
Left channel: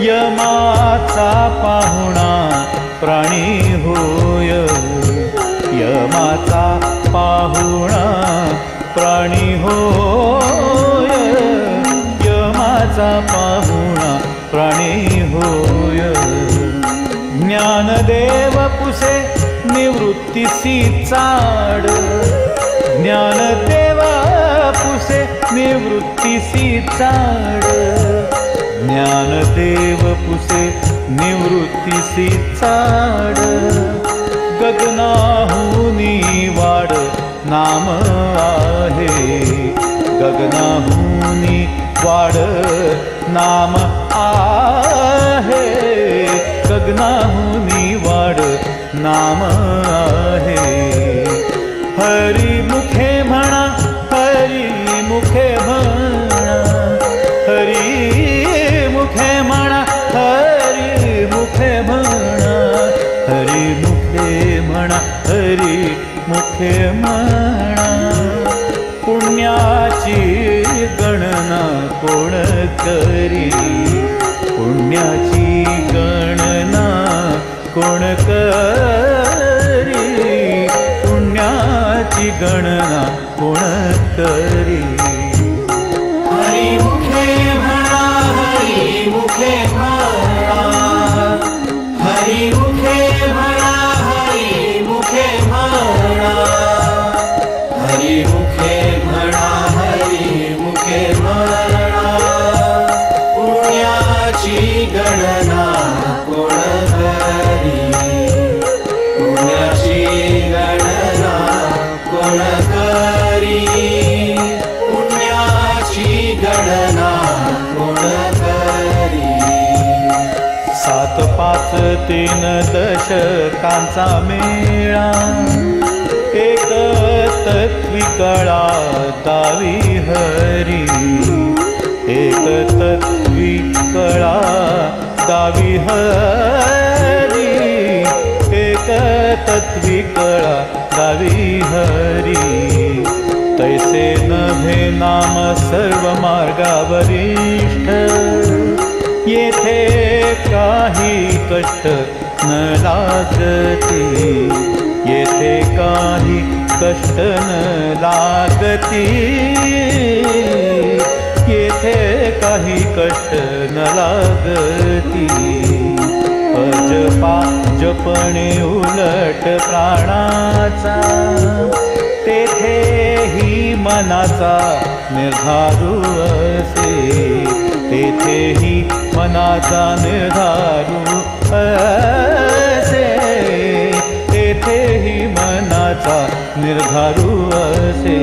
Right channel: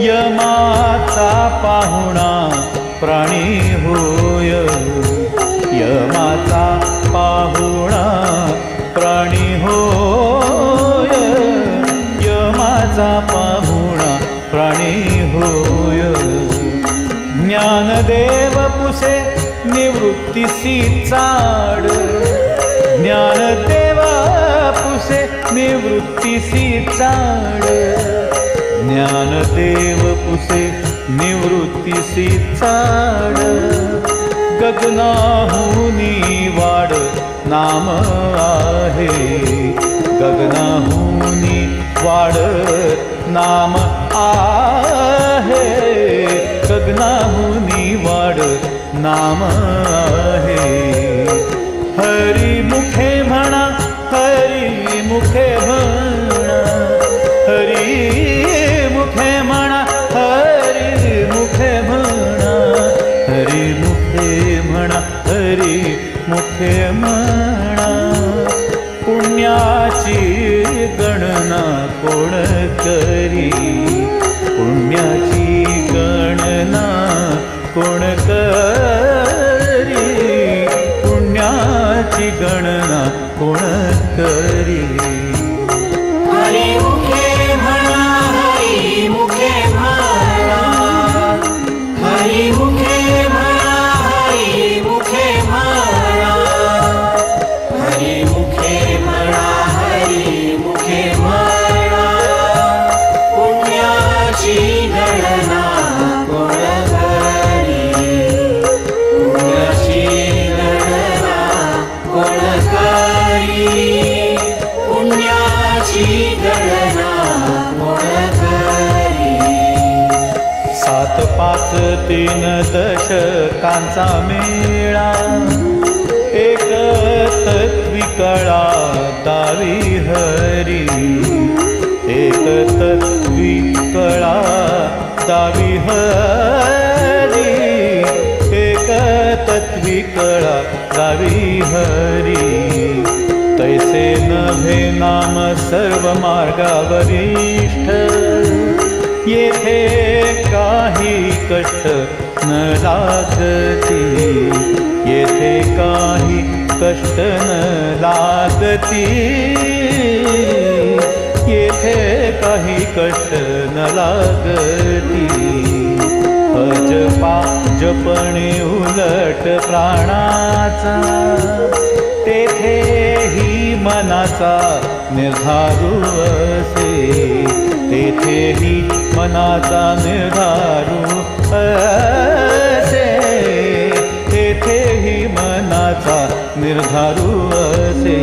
यमाचा पाहुणा प्राणी होय यमाचा पाहुणा प्राणी होय यमाचा पाहुणा प्राणी होय ज्ञानदेव पुसे निवृत्तीसी चाड ज्ञानदेव पुसे निवृत्तीसी चाड ज्ञानदेव पुसे निवृत्तीसी चाड गगनाहुनी वाड नाम आहे गगनाहुनी वाड नाम आहे गगनाहुनी वाड नाम आहे हरिमुखे म्हणा हरिमुखे म्हणा हरिमुखे म्हणा हरिमुखे म्हणा हरिमुखे म्हणा हरिमुखे म्हणा पुण्याची गणना कोण करी पुण्याची गणना कोण करी पुण्याची गणना कोण करी हरिमुखे म्हणा हरिमुखे म्हणा हरिमुखे म्हणा हरिमुखे म्हणा हरिमुखे म्हणा हरिमुखे म्हणा पुण्याची गणना कोण करी पुण्याची गणना कोण करी पुण्याची गणना कोण करी 7 5 3 दशकांचा मेळा एक तत्वी कळा दावी हरी एक तत्वी कळा दावी हरी एक तत्वी कळा दावी हरी तैसे नभे नाम सर्व मार्गावरिष्ठ येथे काही कष्ट न लागती येथे काही कष्ट न लागती, येथे काही कष्ट न लागती. अजपा जपणे उलट प्राणाचा, तेथेही मनाचा निर्धारू असे. तेथेही मनाचा निर्धारू असे. तेथेही मनाचा निर्धारू असे.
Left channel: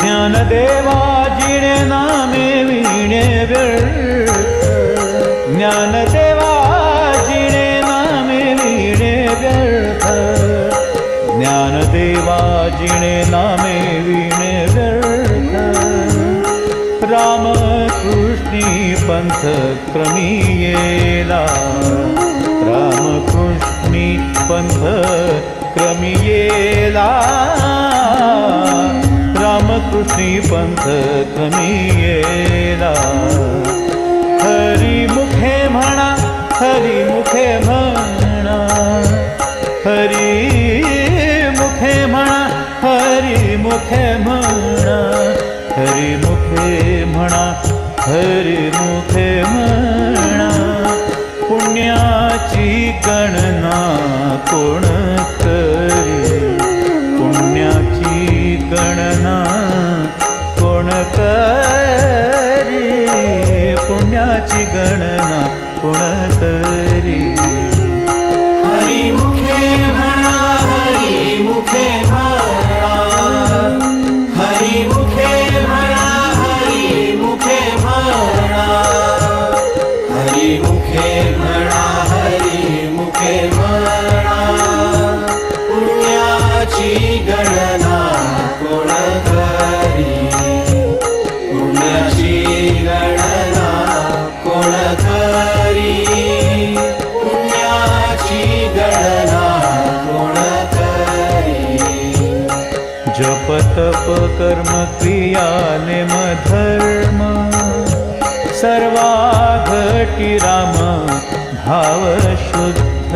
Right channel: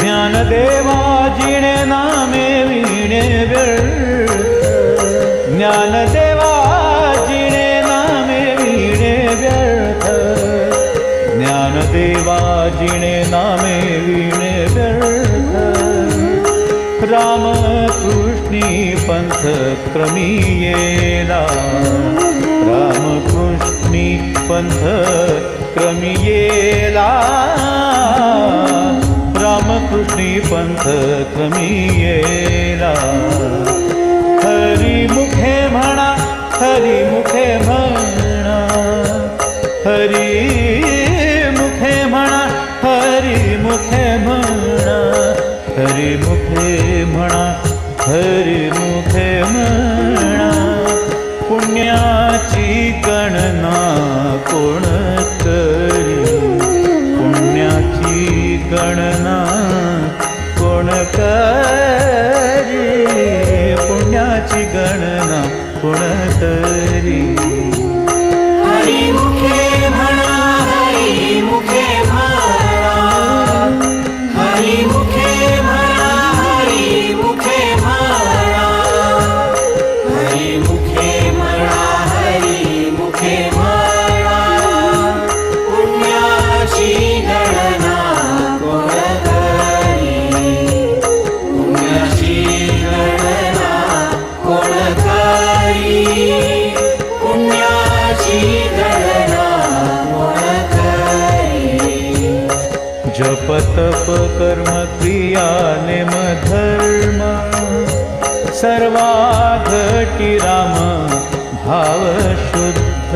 ज्ञानदेवा जिणे नामे विणे व्यर्थ, ज्ञानदेवा जिणे नामे विणे व्यर्थ. ज्ञानदेवा जिणे नामे विणे व्यर्थ. रामकृष्णी पंथ क्रमी येला, रामकृष्णी पंथ क्रमी येला. रामकृष्णी पंथ क्रमी येला. हरिमुखे म्हणा, हरिमुखे म्हणा, हरिमुखे म्हणा, हरिमुखे म्हणा, हरिमुखे म्हणा, हरिमुखे म्हणा. पुण्याची गणना कोण करी, पुण्याची गणना कोण करी, पुण्याची गणना कोण करी. हरिमुखे म्हणा, हरिमुखे म्हणा, हरिमुखे म्हणा, हरिमुखे म्हणा, हरिमुखे म्हणा, हरिमुखे म्हणा. पुण्याची गणना कोण करी, पुण्याची गणना कोण करी, पुण्याची गणना कोण करी. जपतप कर्म क्रिया नेम धर्म, सर्वा घटी राम भाव शुद्ध.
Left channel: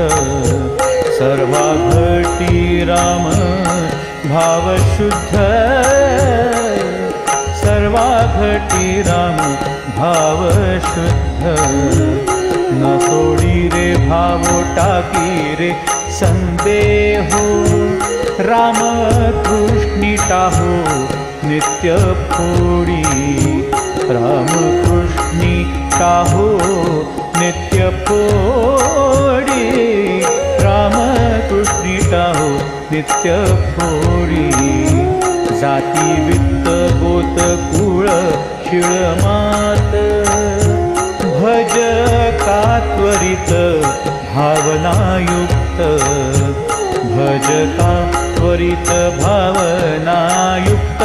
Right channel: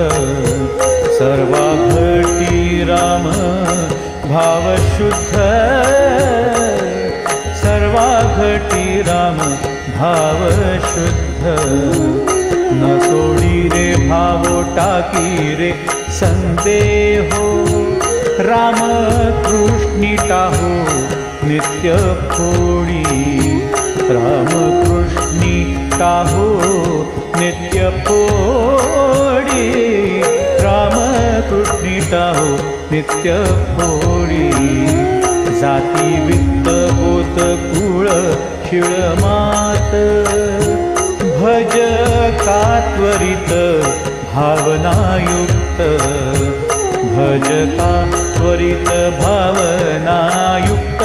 सर्वा घटी राम भाव शुद्ध. सर्वा घटी राम भाव शुद्ध. न सोडी रे भावो टाकी रे संदेहो, रामकृष्णी टाहो नित्य फोडी. रामकृष्णी टाहो नित्य फोडी. रामकृष्णी टाहो नित्य फोडी. जाती वित्त गोत कुळ शिळमात, भज का त्वरित भावनायुक्त. भज का त्वरित भावनायुक्त.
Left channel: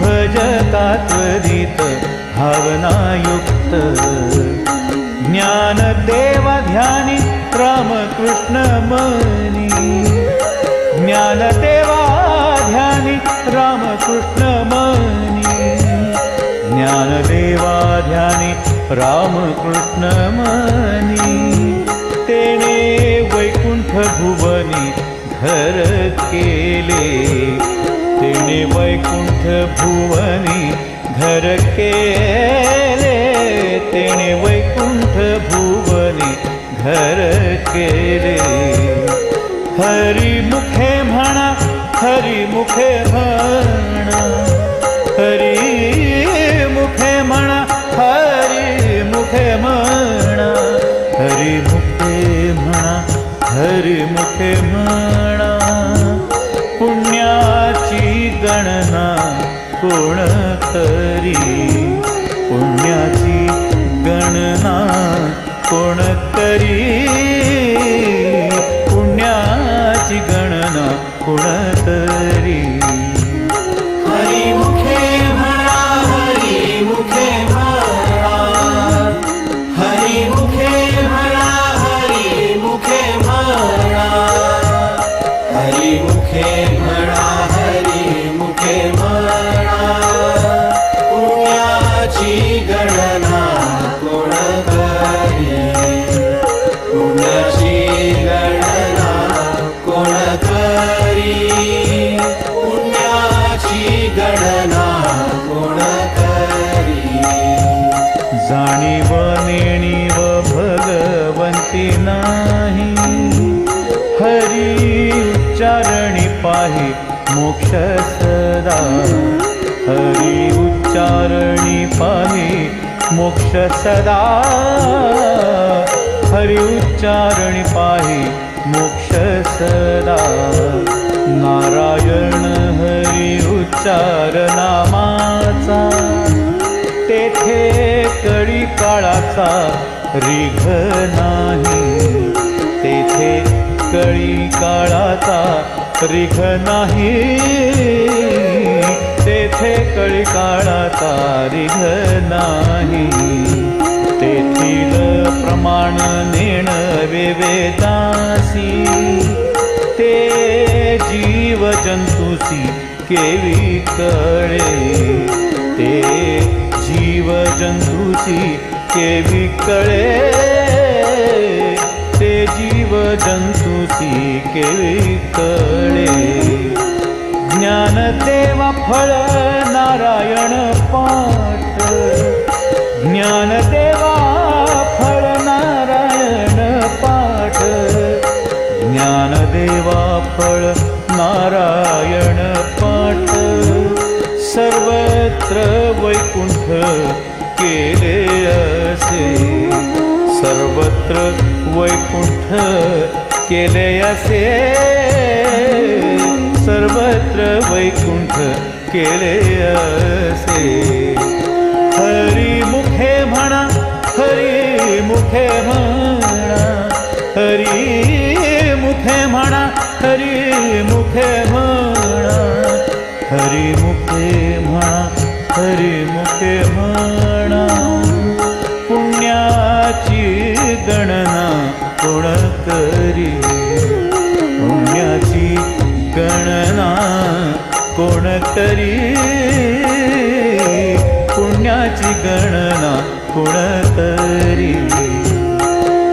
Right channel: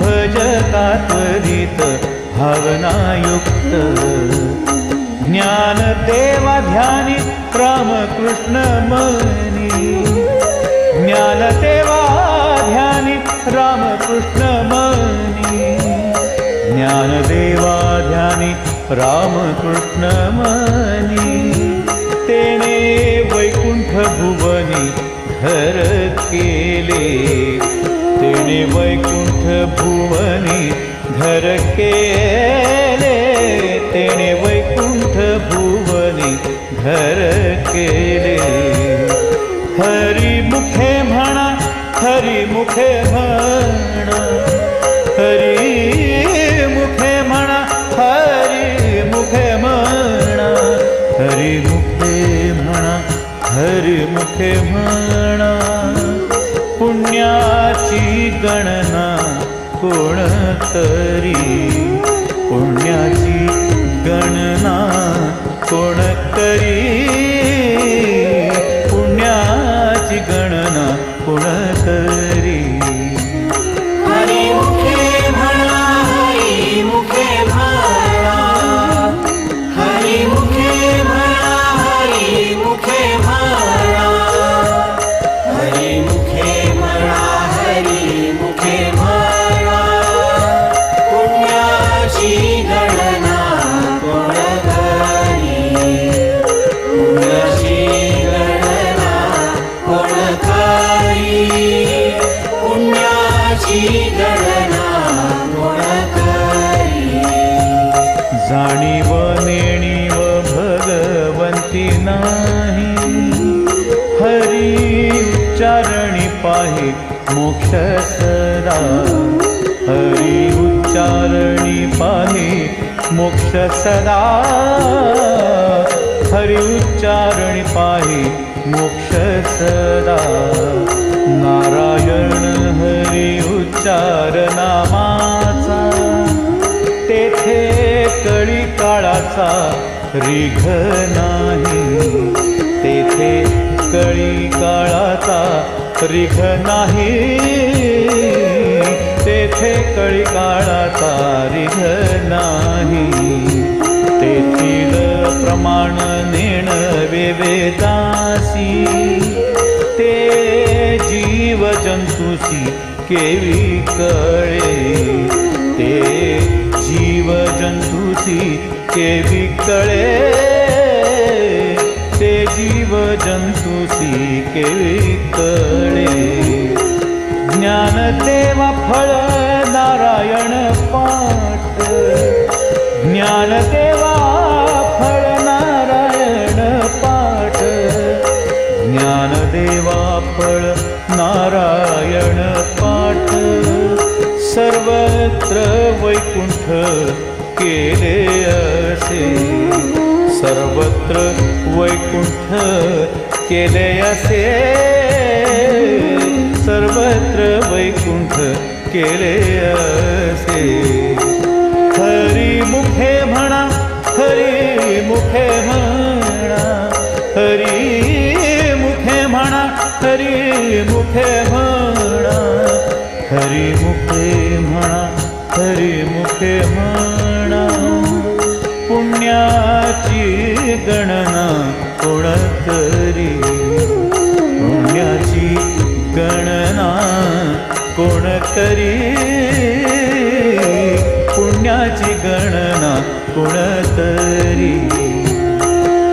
भज का त्वरित भावनायुक्त. ज्ञानदेवा ध्यानी रामकृष्ण मनी. ज्ञानदेवा ध्यानी रामकृष्ण मनी. ज्ञानदेवा ध्यानी रामकृष्ण मनी. तेने वैकुंठ भुवनी घर केले. तेने वैकुंठ भुवनी घर केले. तेने वैकुंठ भुवनी घर केले. हरिमुखे म्हणा, हरिमुखे म्हणा, हरिमुखे म्हणा, हरिमुखे म्हणा, हरिमुखे म्हणा, हरिमुखे म्हणा. पुण्याची गणना कोण करी, पुण्याची गणना कोण करी. पुण्याची गणना कोण करी. हरिमुखे म्हणा, हरिमुखे म्हणा, हरिमुखे म्हणा, हरिमुखे म्हणा, हरिमुखे म्हणा, हरिमुखे म्हणा. पुण्याची गणना कोण करी, पुण्याची गणना कोण नाही हरी उच्चारणी पाहे मोक्ष सदा हरी उच्चारणी पाहे मोक्ष सदा हरी उच्चारणी पाहे मोक्ष सदा नारायण हरी उच्चार नामाचा तेथे कळी काळाचा रिघ नाही तेथे कळी काळाचा रिघ नाही तेथे कळी काळाचा रिघ नाही तेथील प्रमाण नेण वेदासी ते जीव जंतुसी केवी कळे ते जीव जंतुसी केवी कळे ते जीव जंतुसी केवी कळे ज्ञानदेवा फळ नारायण पाठ ज्ञानदेवा फळ नारायण पाठ ज्ञानदेवा फळ नारायण पाठ सर्वत्र वैकुंठ केले असे सर्वत्र वैकुंठ केले असे सर्वत्र वैकुंठ केले असे हरी मुखे म्हणा हरी मुखे म्हणा हरी मुखे म्हणा हरी मुखे म्हणा हरी मुखे म्हणा हरी मुखे म्हणा पुण्याची गणना कोण करी पुण्याची गणना कोण करी पुण्याची गणना कोण करी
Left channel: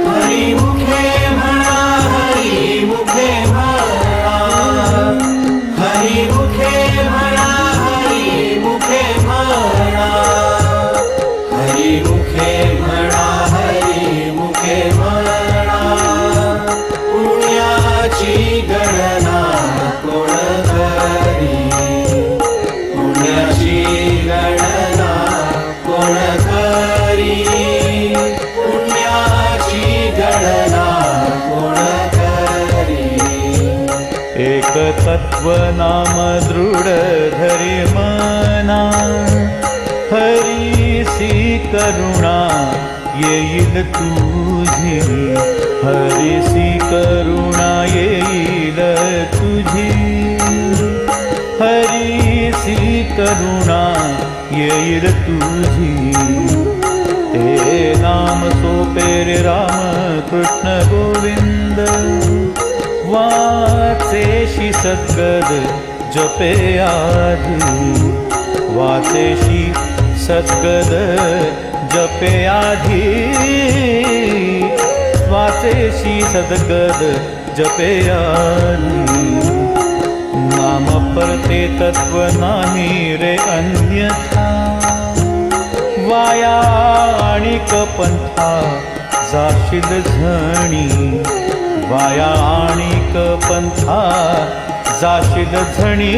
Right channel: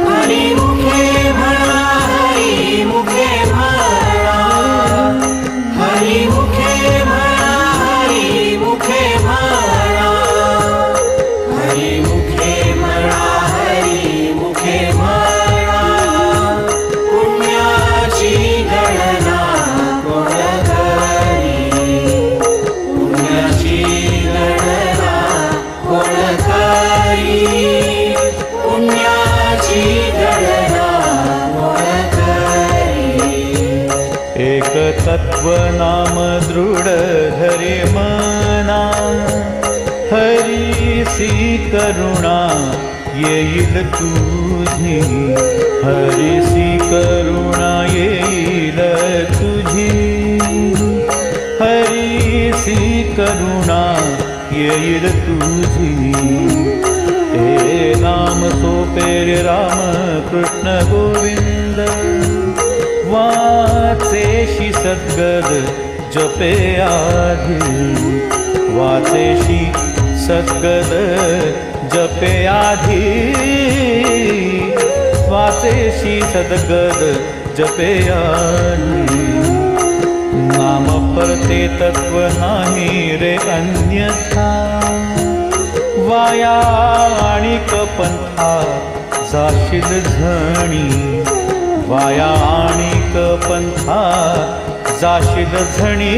हरी मुखे म्हणा हरी मुखे म्हणा हरी मुखे म्हणा हरी मुखे म्हणा हरी मुखे म्हणा हरी मुखे म्हणा पुण्याची गणना कोण करी पुण्याची गणना कोण करी पुण्याची गणना कोण करी एक तत्व नाम दृढ धरे मना हरीसी करुणा येईल तुझी हरीसी करुणा येईल तुझी हरीसी करुणा येईल तुझी ते नाम सोपे रे राम कृष्ण गोविंद वाचेशी सद्गद जपे आधी वाचेशी सद्गद जपे आधी वाचेशी सद्गद जपे आधी नाम परते तत्व नाही रे अन्यथा वाया आणिक पंथा जाशील झणी वाया आणिक पंथा जाशील झणी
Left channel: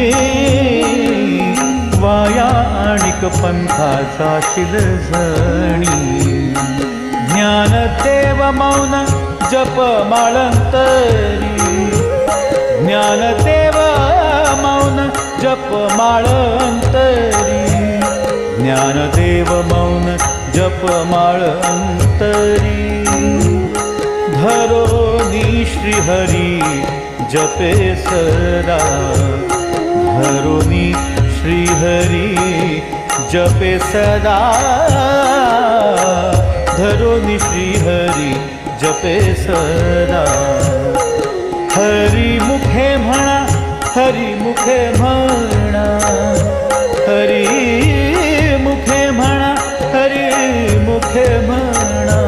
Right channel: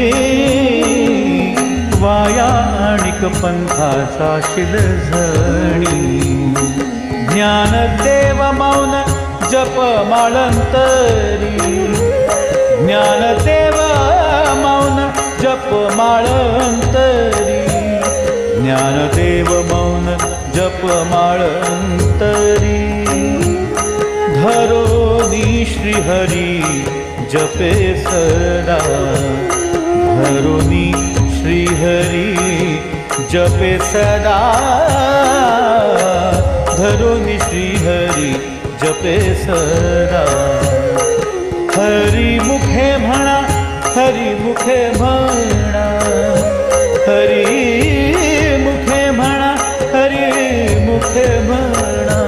वाया आणिक पंथा जाशील झणी ज्ञानदेव मौन जप माळंतरी ज्ञानदेव मौन जप माळंतरी ज्ञानदेव मौन जप माळंतरी धरोनी श्रीहरी जपे सदा धरोनी श्रीहरी जपे सदा धरोनी श्रीहरी जपे सदा हरी मुखे म्हणा हरी मुखे म्हणा हरी मुखे म्हणा हरी मुखे म्हणा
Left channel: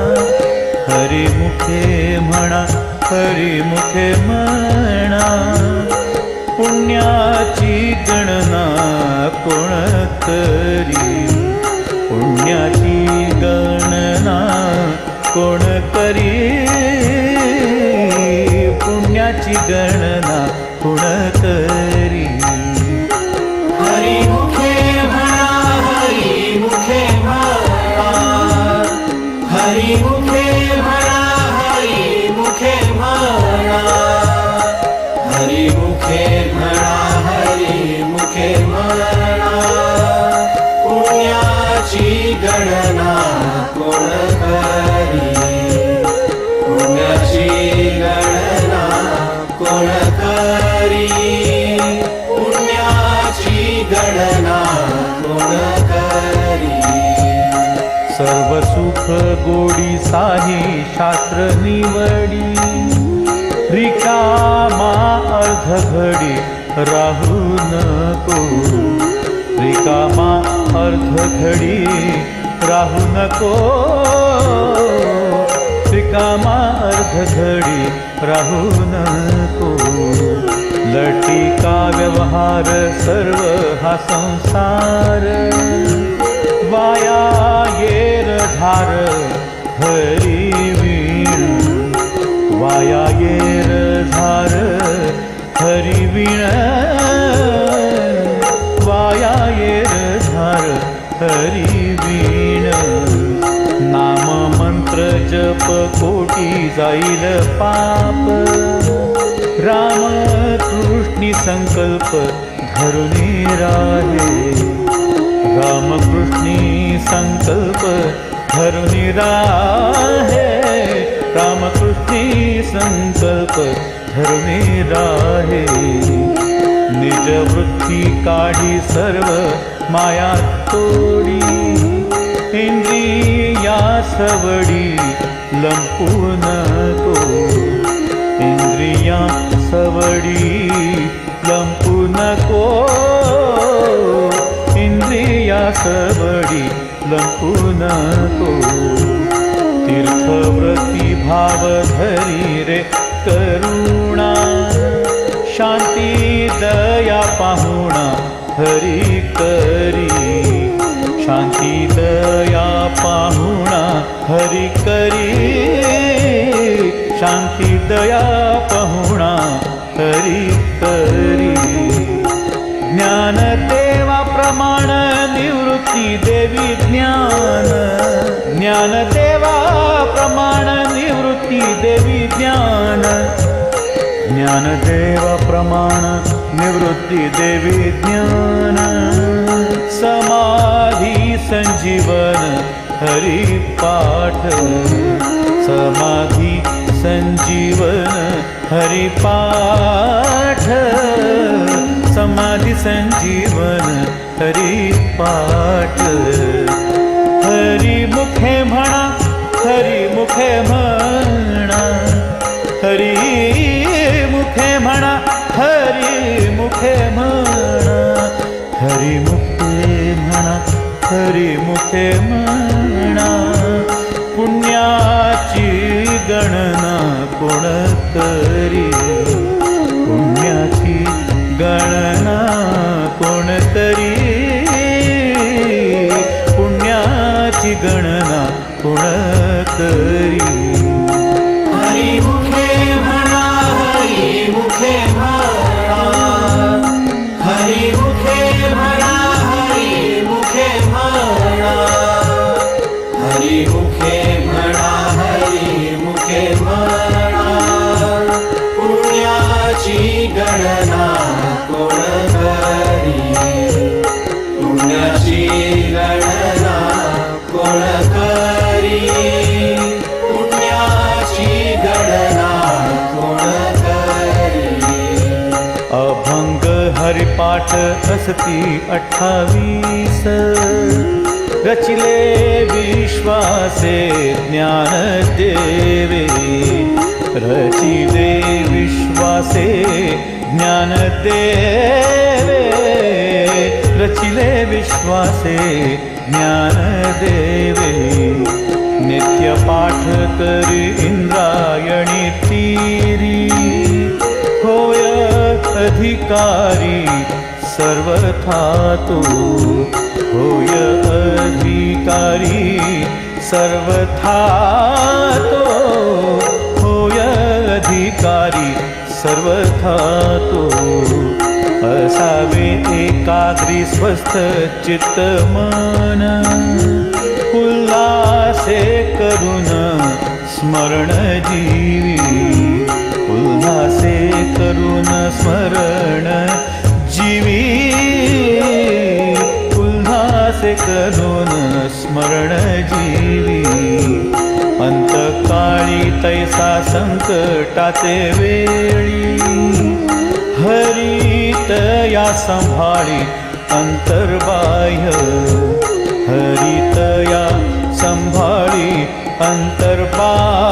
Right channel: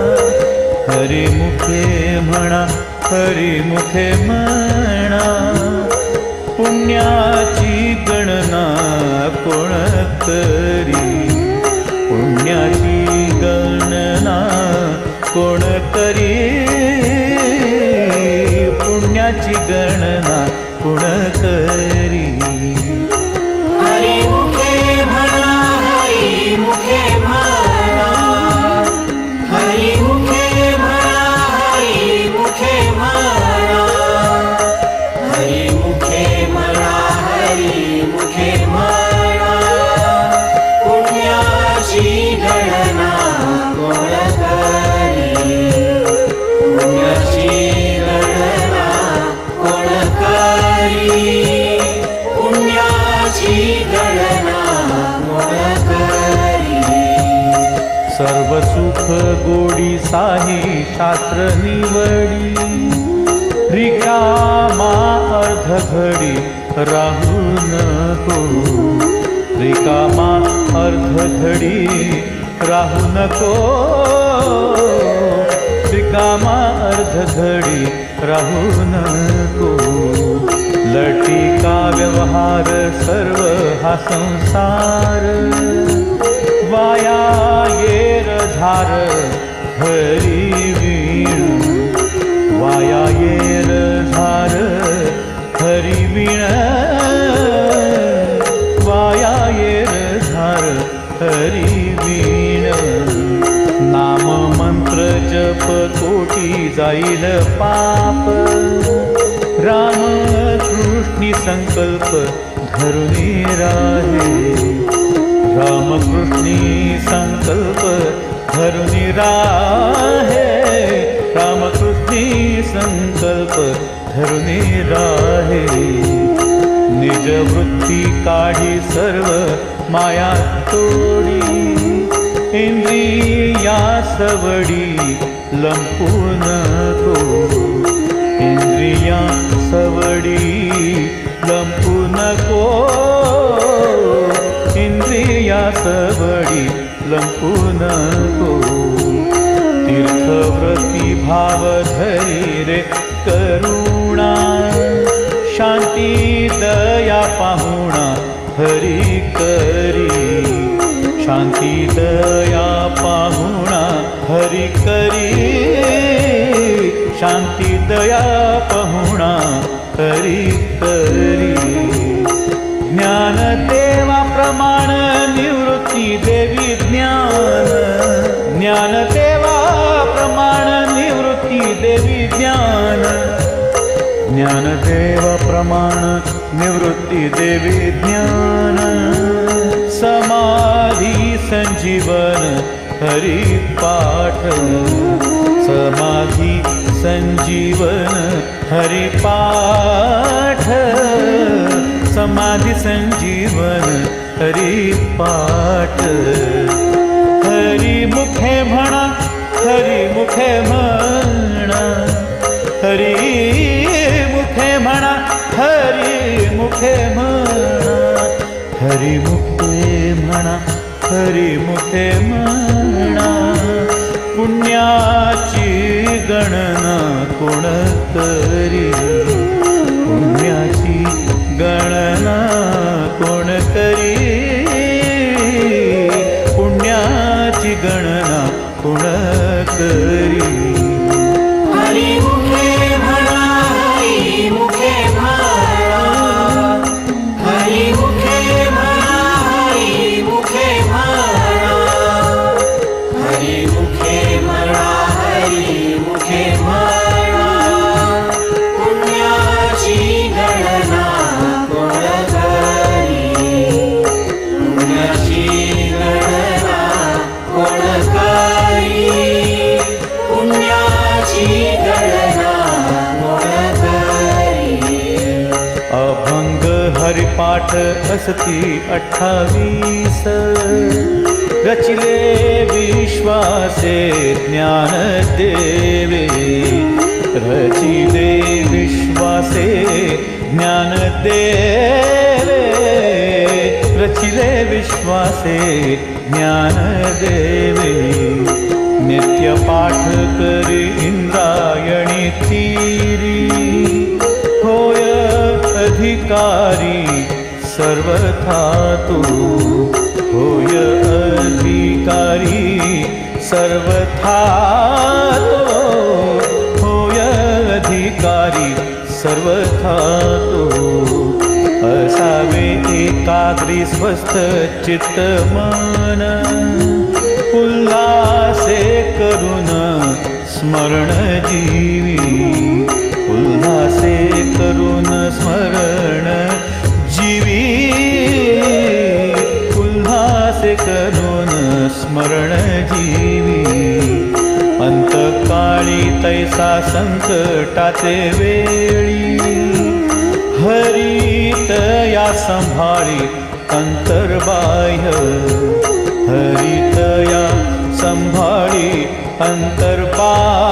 हरी मुखे म्हणा हरी मुखे म्हणा पुण्याची गणना कोण करी पुण्याची गणना कोण करी पुण्याची गणना कोण करी हरी मुखे म्हणा हरी मुखे म्हणा हरी मुखे म्हणा हरी मुखे म्हणा हरी मुखे म्हणा हरी मुखे म्हणा पुण्याची गणना कोण करी पुण्याची गणना कोण करी पुण्याची गणना कोण करी सर्व सुख गोडी साही शास्त्र निवडी रिकामा अर्ध घडी राहू नको रिकामा अर्ध घडी राहू नको रिकामा अर्ध घडी राहू नको लटिका व्यवहार सर्व हा संसार वाया येर झार हरी वीण वाया येर झार हरी वीण वाया येर झार हरी वीण नाम मंत्र जप कोटी जाईल पाप राम कृष्णी संकल्प धरुनी राहे राम कृष्णी संकल्प धरुनी राहे राम कृष्णी संकल्प धरुनी राहे निज वृत्ती काढी सर्व माया तोडी इंद्रिया सवडी लंपू नको इंद्रिया सवडी लंपू नको इंद्रिया सवडी लंपू नको तीर्थव्रती भाव धरी रे करुणा शांती दया पाहुणा हरी करी शांती दया पाहुणा हरी करी शांती दया पाहुणा हरी करी ज्ञान देवा प्रमाण निवृत्ती देवी ज्ञान ज्ञान देवा प्रमाण निवृत्ती देवी ज्ञान ज्ञान देवा प्रमाण निवृत्ती देवी ज्ञान समाधी संजीवन हरि पाठ समाधी संजीवन हरि पाठ समाधी संजीवन हरि पाठ हरि मुखे म्हणा हरि मुखे म्हणा हरि मुखे म्हणा हरि मुखे म्हणा हरि मुखे म्हणा हरि मुखे म्हणा पुण्याची गणना कोण करी पुण्याची गणना कोण करी पुण्याची गणना कोण करी हरी मुखे म्हणा हरी मुखे म्हणा हरी मुखे म्हणा हरी मुखे म्हणा हरी मुखे म्हणा हरी मुखे म्हणा पुण्याची गणना कोण करी पुण्याची गणना कोण करी पुण्याची गणना कोण करी अभंग हरिपाठ असती 28 रचिले विश्वासे ज्ञान देवे रचिले विश्वासे ज्ञान देवे रचिले विश्वासे ज्ञान देवे नित्य पाठ करी इंद्रायणी तीरी होय अधिकारी सर्वथा तू होय अधिकारी सर्वथा तो होय अधिकारी अधिकारी सर्वथा तो असावे एकाग्री स्वस्थ चित्त मन उल्हासे करून स्मरण जीवी उल्हासे करून स्मरण जीवी उल्हासे करून स्मरण जीवी अंतकाळी तैसा संकटाचे वेळी हरित या संभाळी अंतर्बाह्य हरित या संभाळी अंतर्बाह्य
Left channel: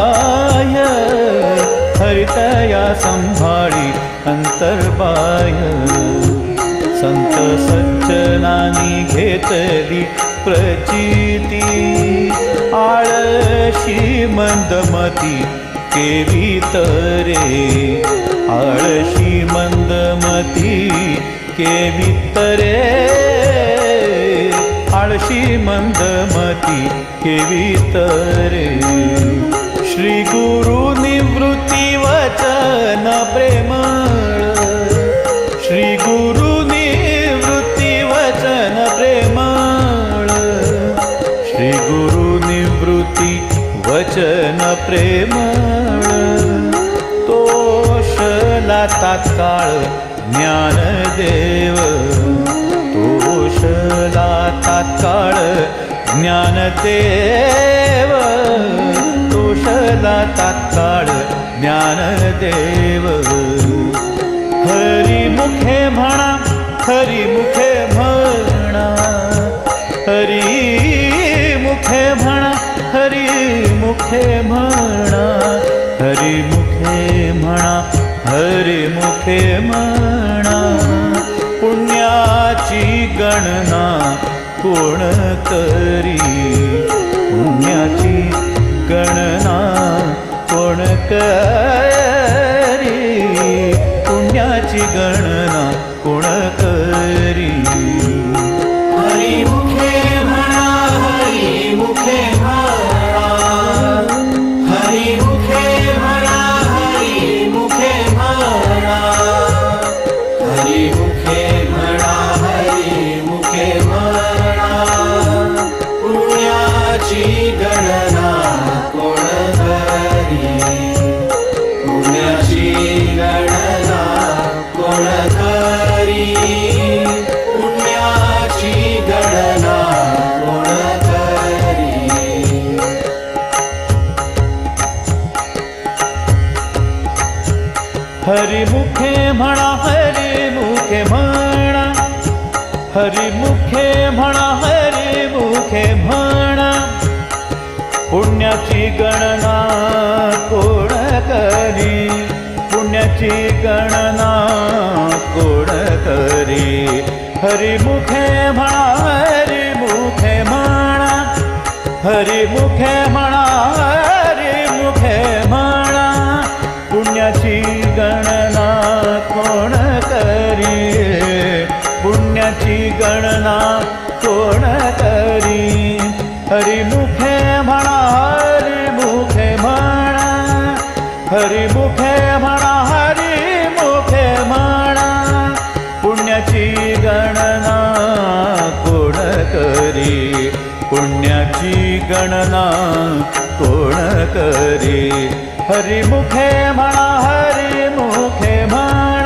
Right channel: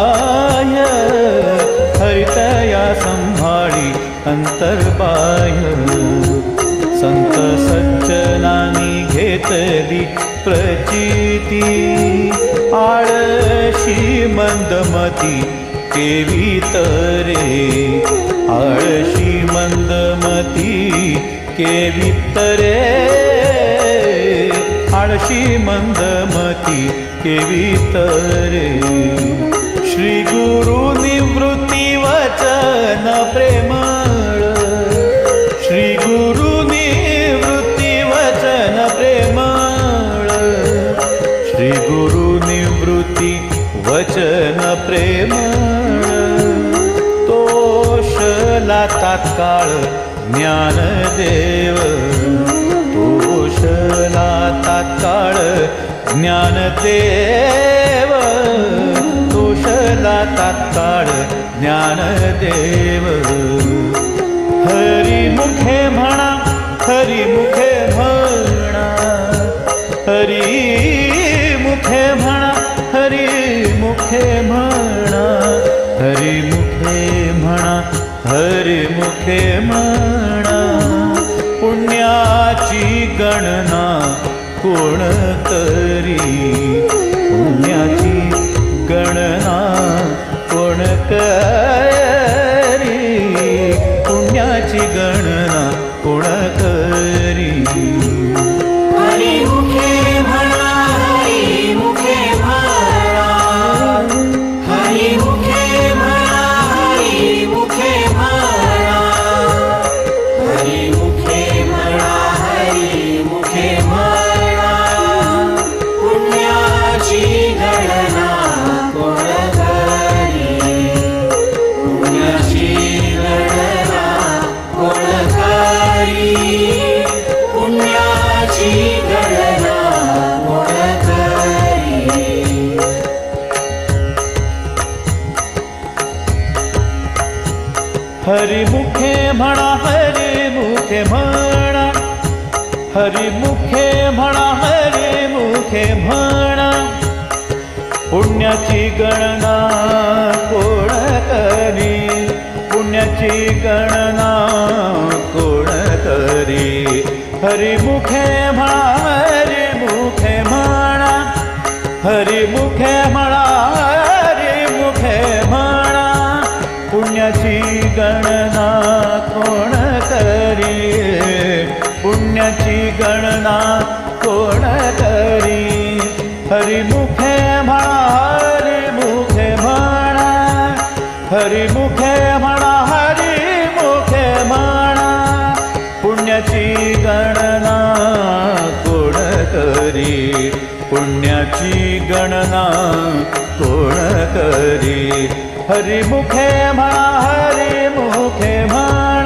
हरित या संभाळी अंतर्बाह्य संत सज्जनानी घेतली प्रचिती आळशी मंदमती केवी तरे आळशी मंदमती केवी तरे आळशी मंदमती केवी तरे श्री गुरु निवृत्ती वचन प्रेमळ श्री गुरु निवृत्ती वचन प्रेमळ श्री गुरु निवृत्ती वचन प्रेमळ तोषला तात्काळ ज्ञानदेव तोषला तात्काळ ज्ञानदेव तोषला तात्काळ ज्ञानदेव हरी मुखे म्हणा हरी मुखे म्हणा हरी मुखे म्हणा हरी मुखे म्हणा हरी मुखे म्हणा हरी मुखे म्हणा पुण्याची गणना कोण करी पुण्याची गणना कोण करी पुण्याची गणना कोण करी हरी मुखे म्हणा हरी मुखे म्हणा हरी मुखे म्हणा हरी मुखे म्हणा हरी मुखे म्हणा हरी मुखे म्हणा पुण्याची गणना कोण करी पुण्याची गणना कोण करी पुण्याची गणना कोण करी हरी मुखे म्हणा हरी मुखे म्हणा हरी मुखे म्हणा हरी मुखे म्हणा पुण्याची गणना कोण करी पुण्याची गणना कोण करी हरी मुखे म्हणा हरी मुखे म्हणा हरी मुखे म्हणा हरी मुखे म्हणा पुण्याची गणना कोण करी पुण्याची गणना कोण करी हरी मुखे म्हणा हरी मुखे म्हणा हरी मुखे म्हणा हरी मुखे म्हणा पुण्याची गणना कोण करी पुण्याची गणना कोण करी हरी मुखे म्हणा हरी मुखे म्हणा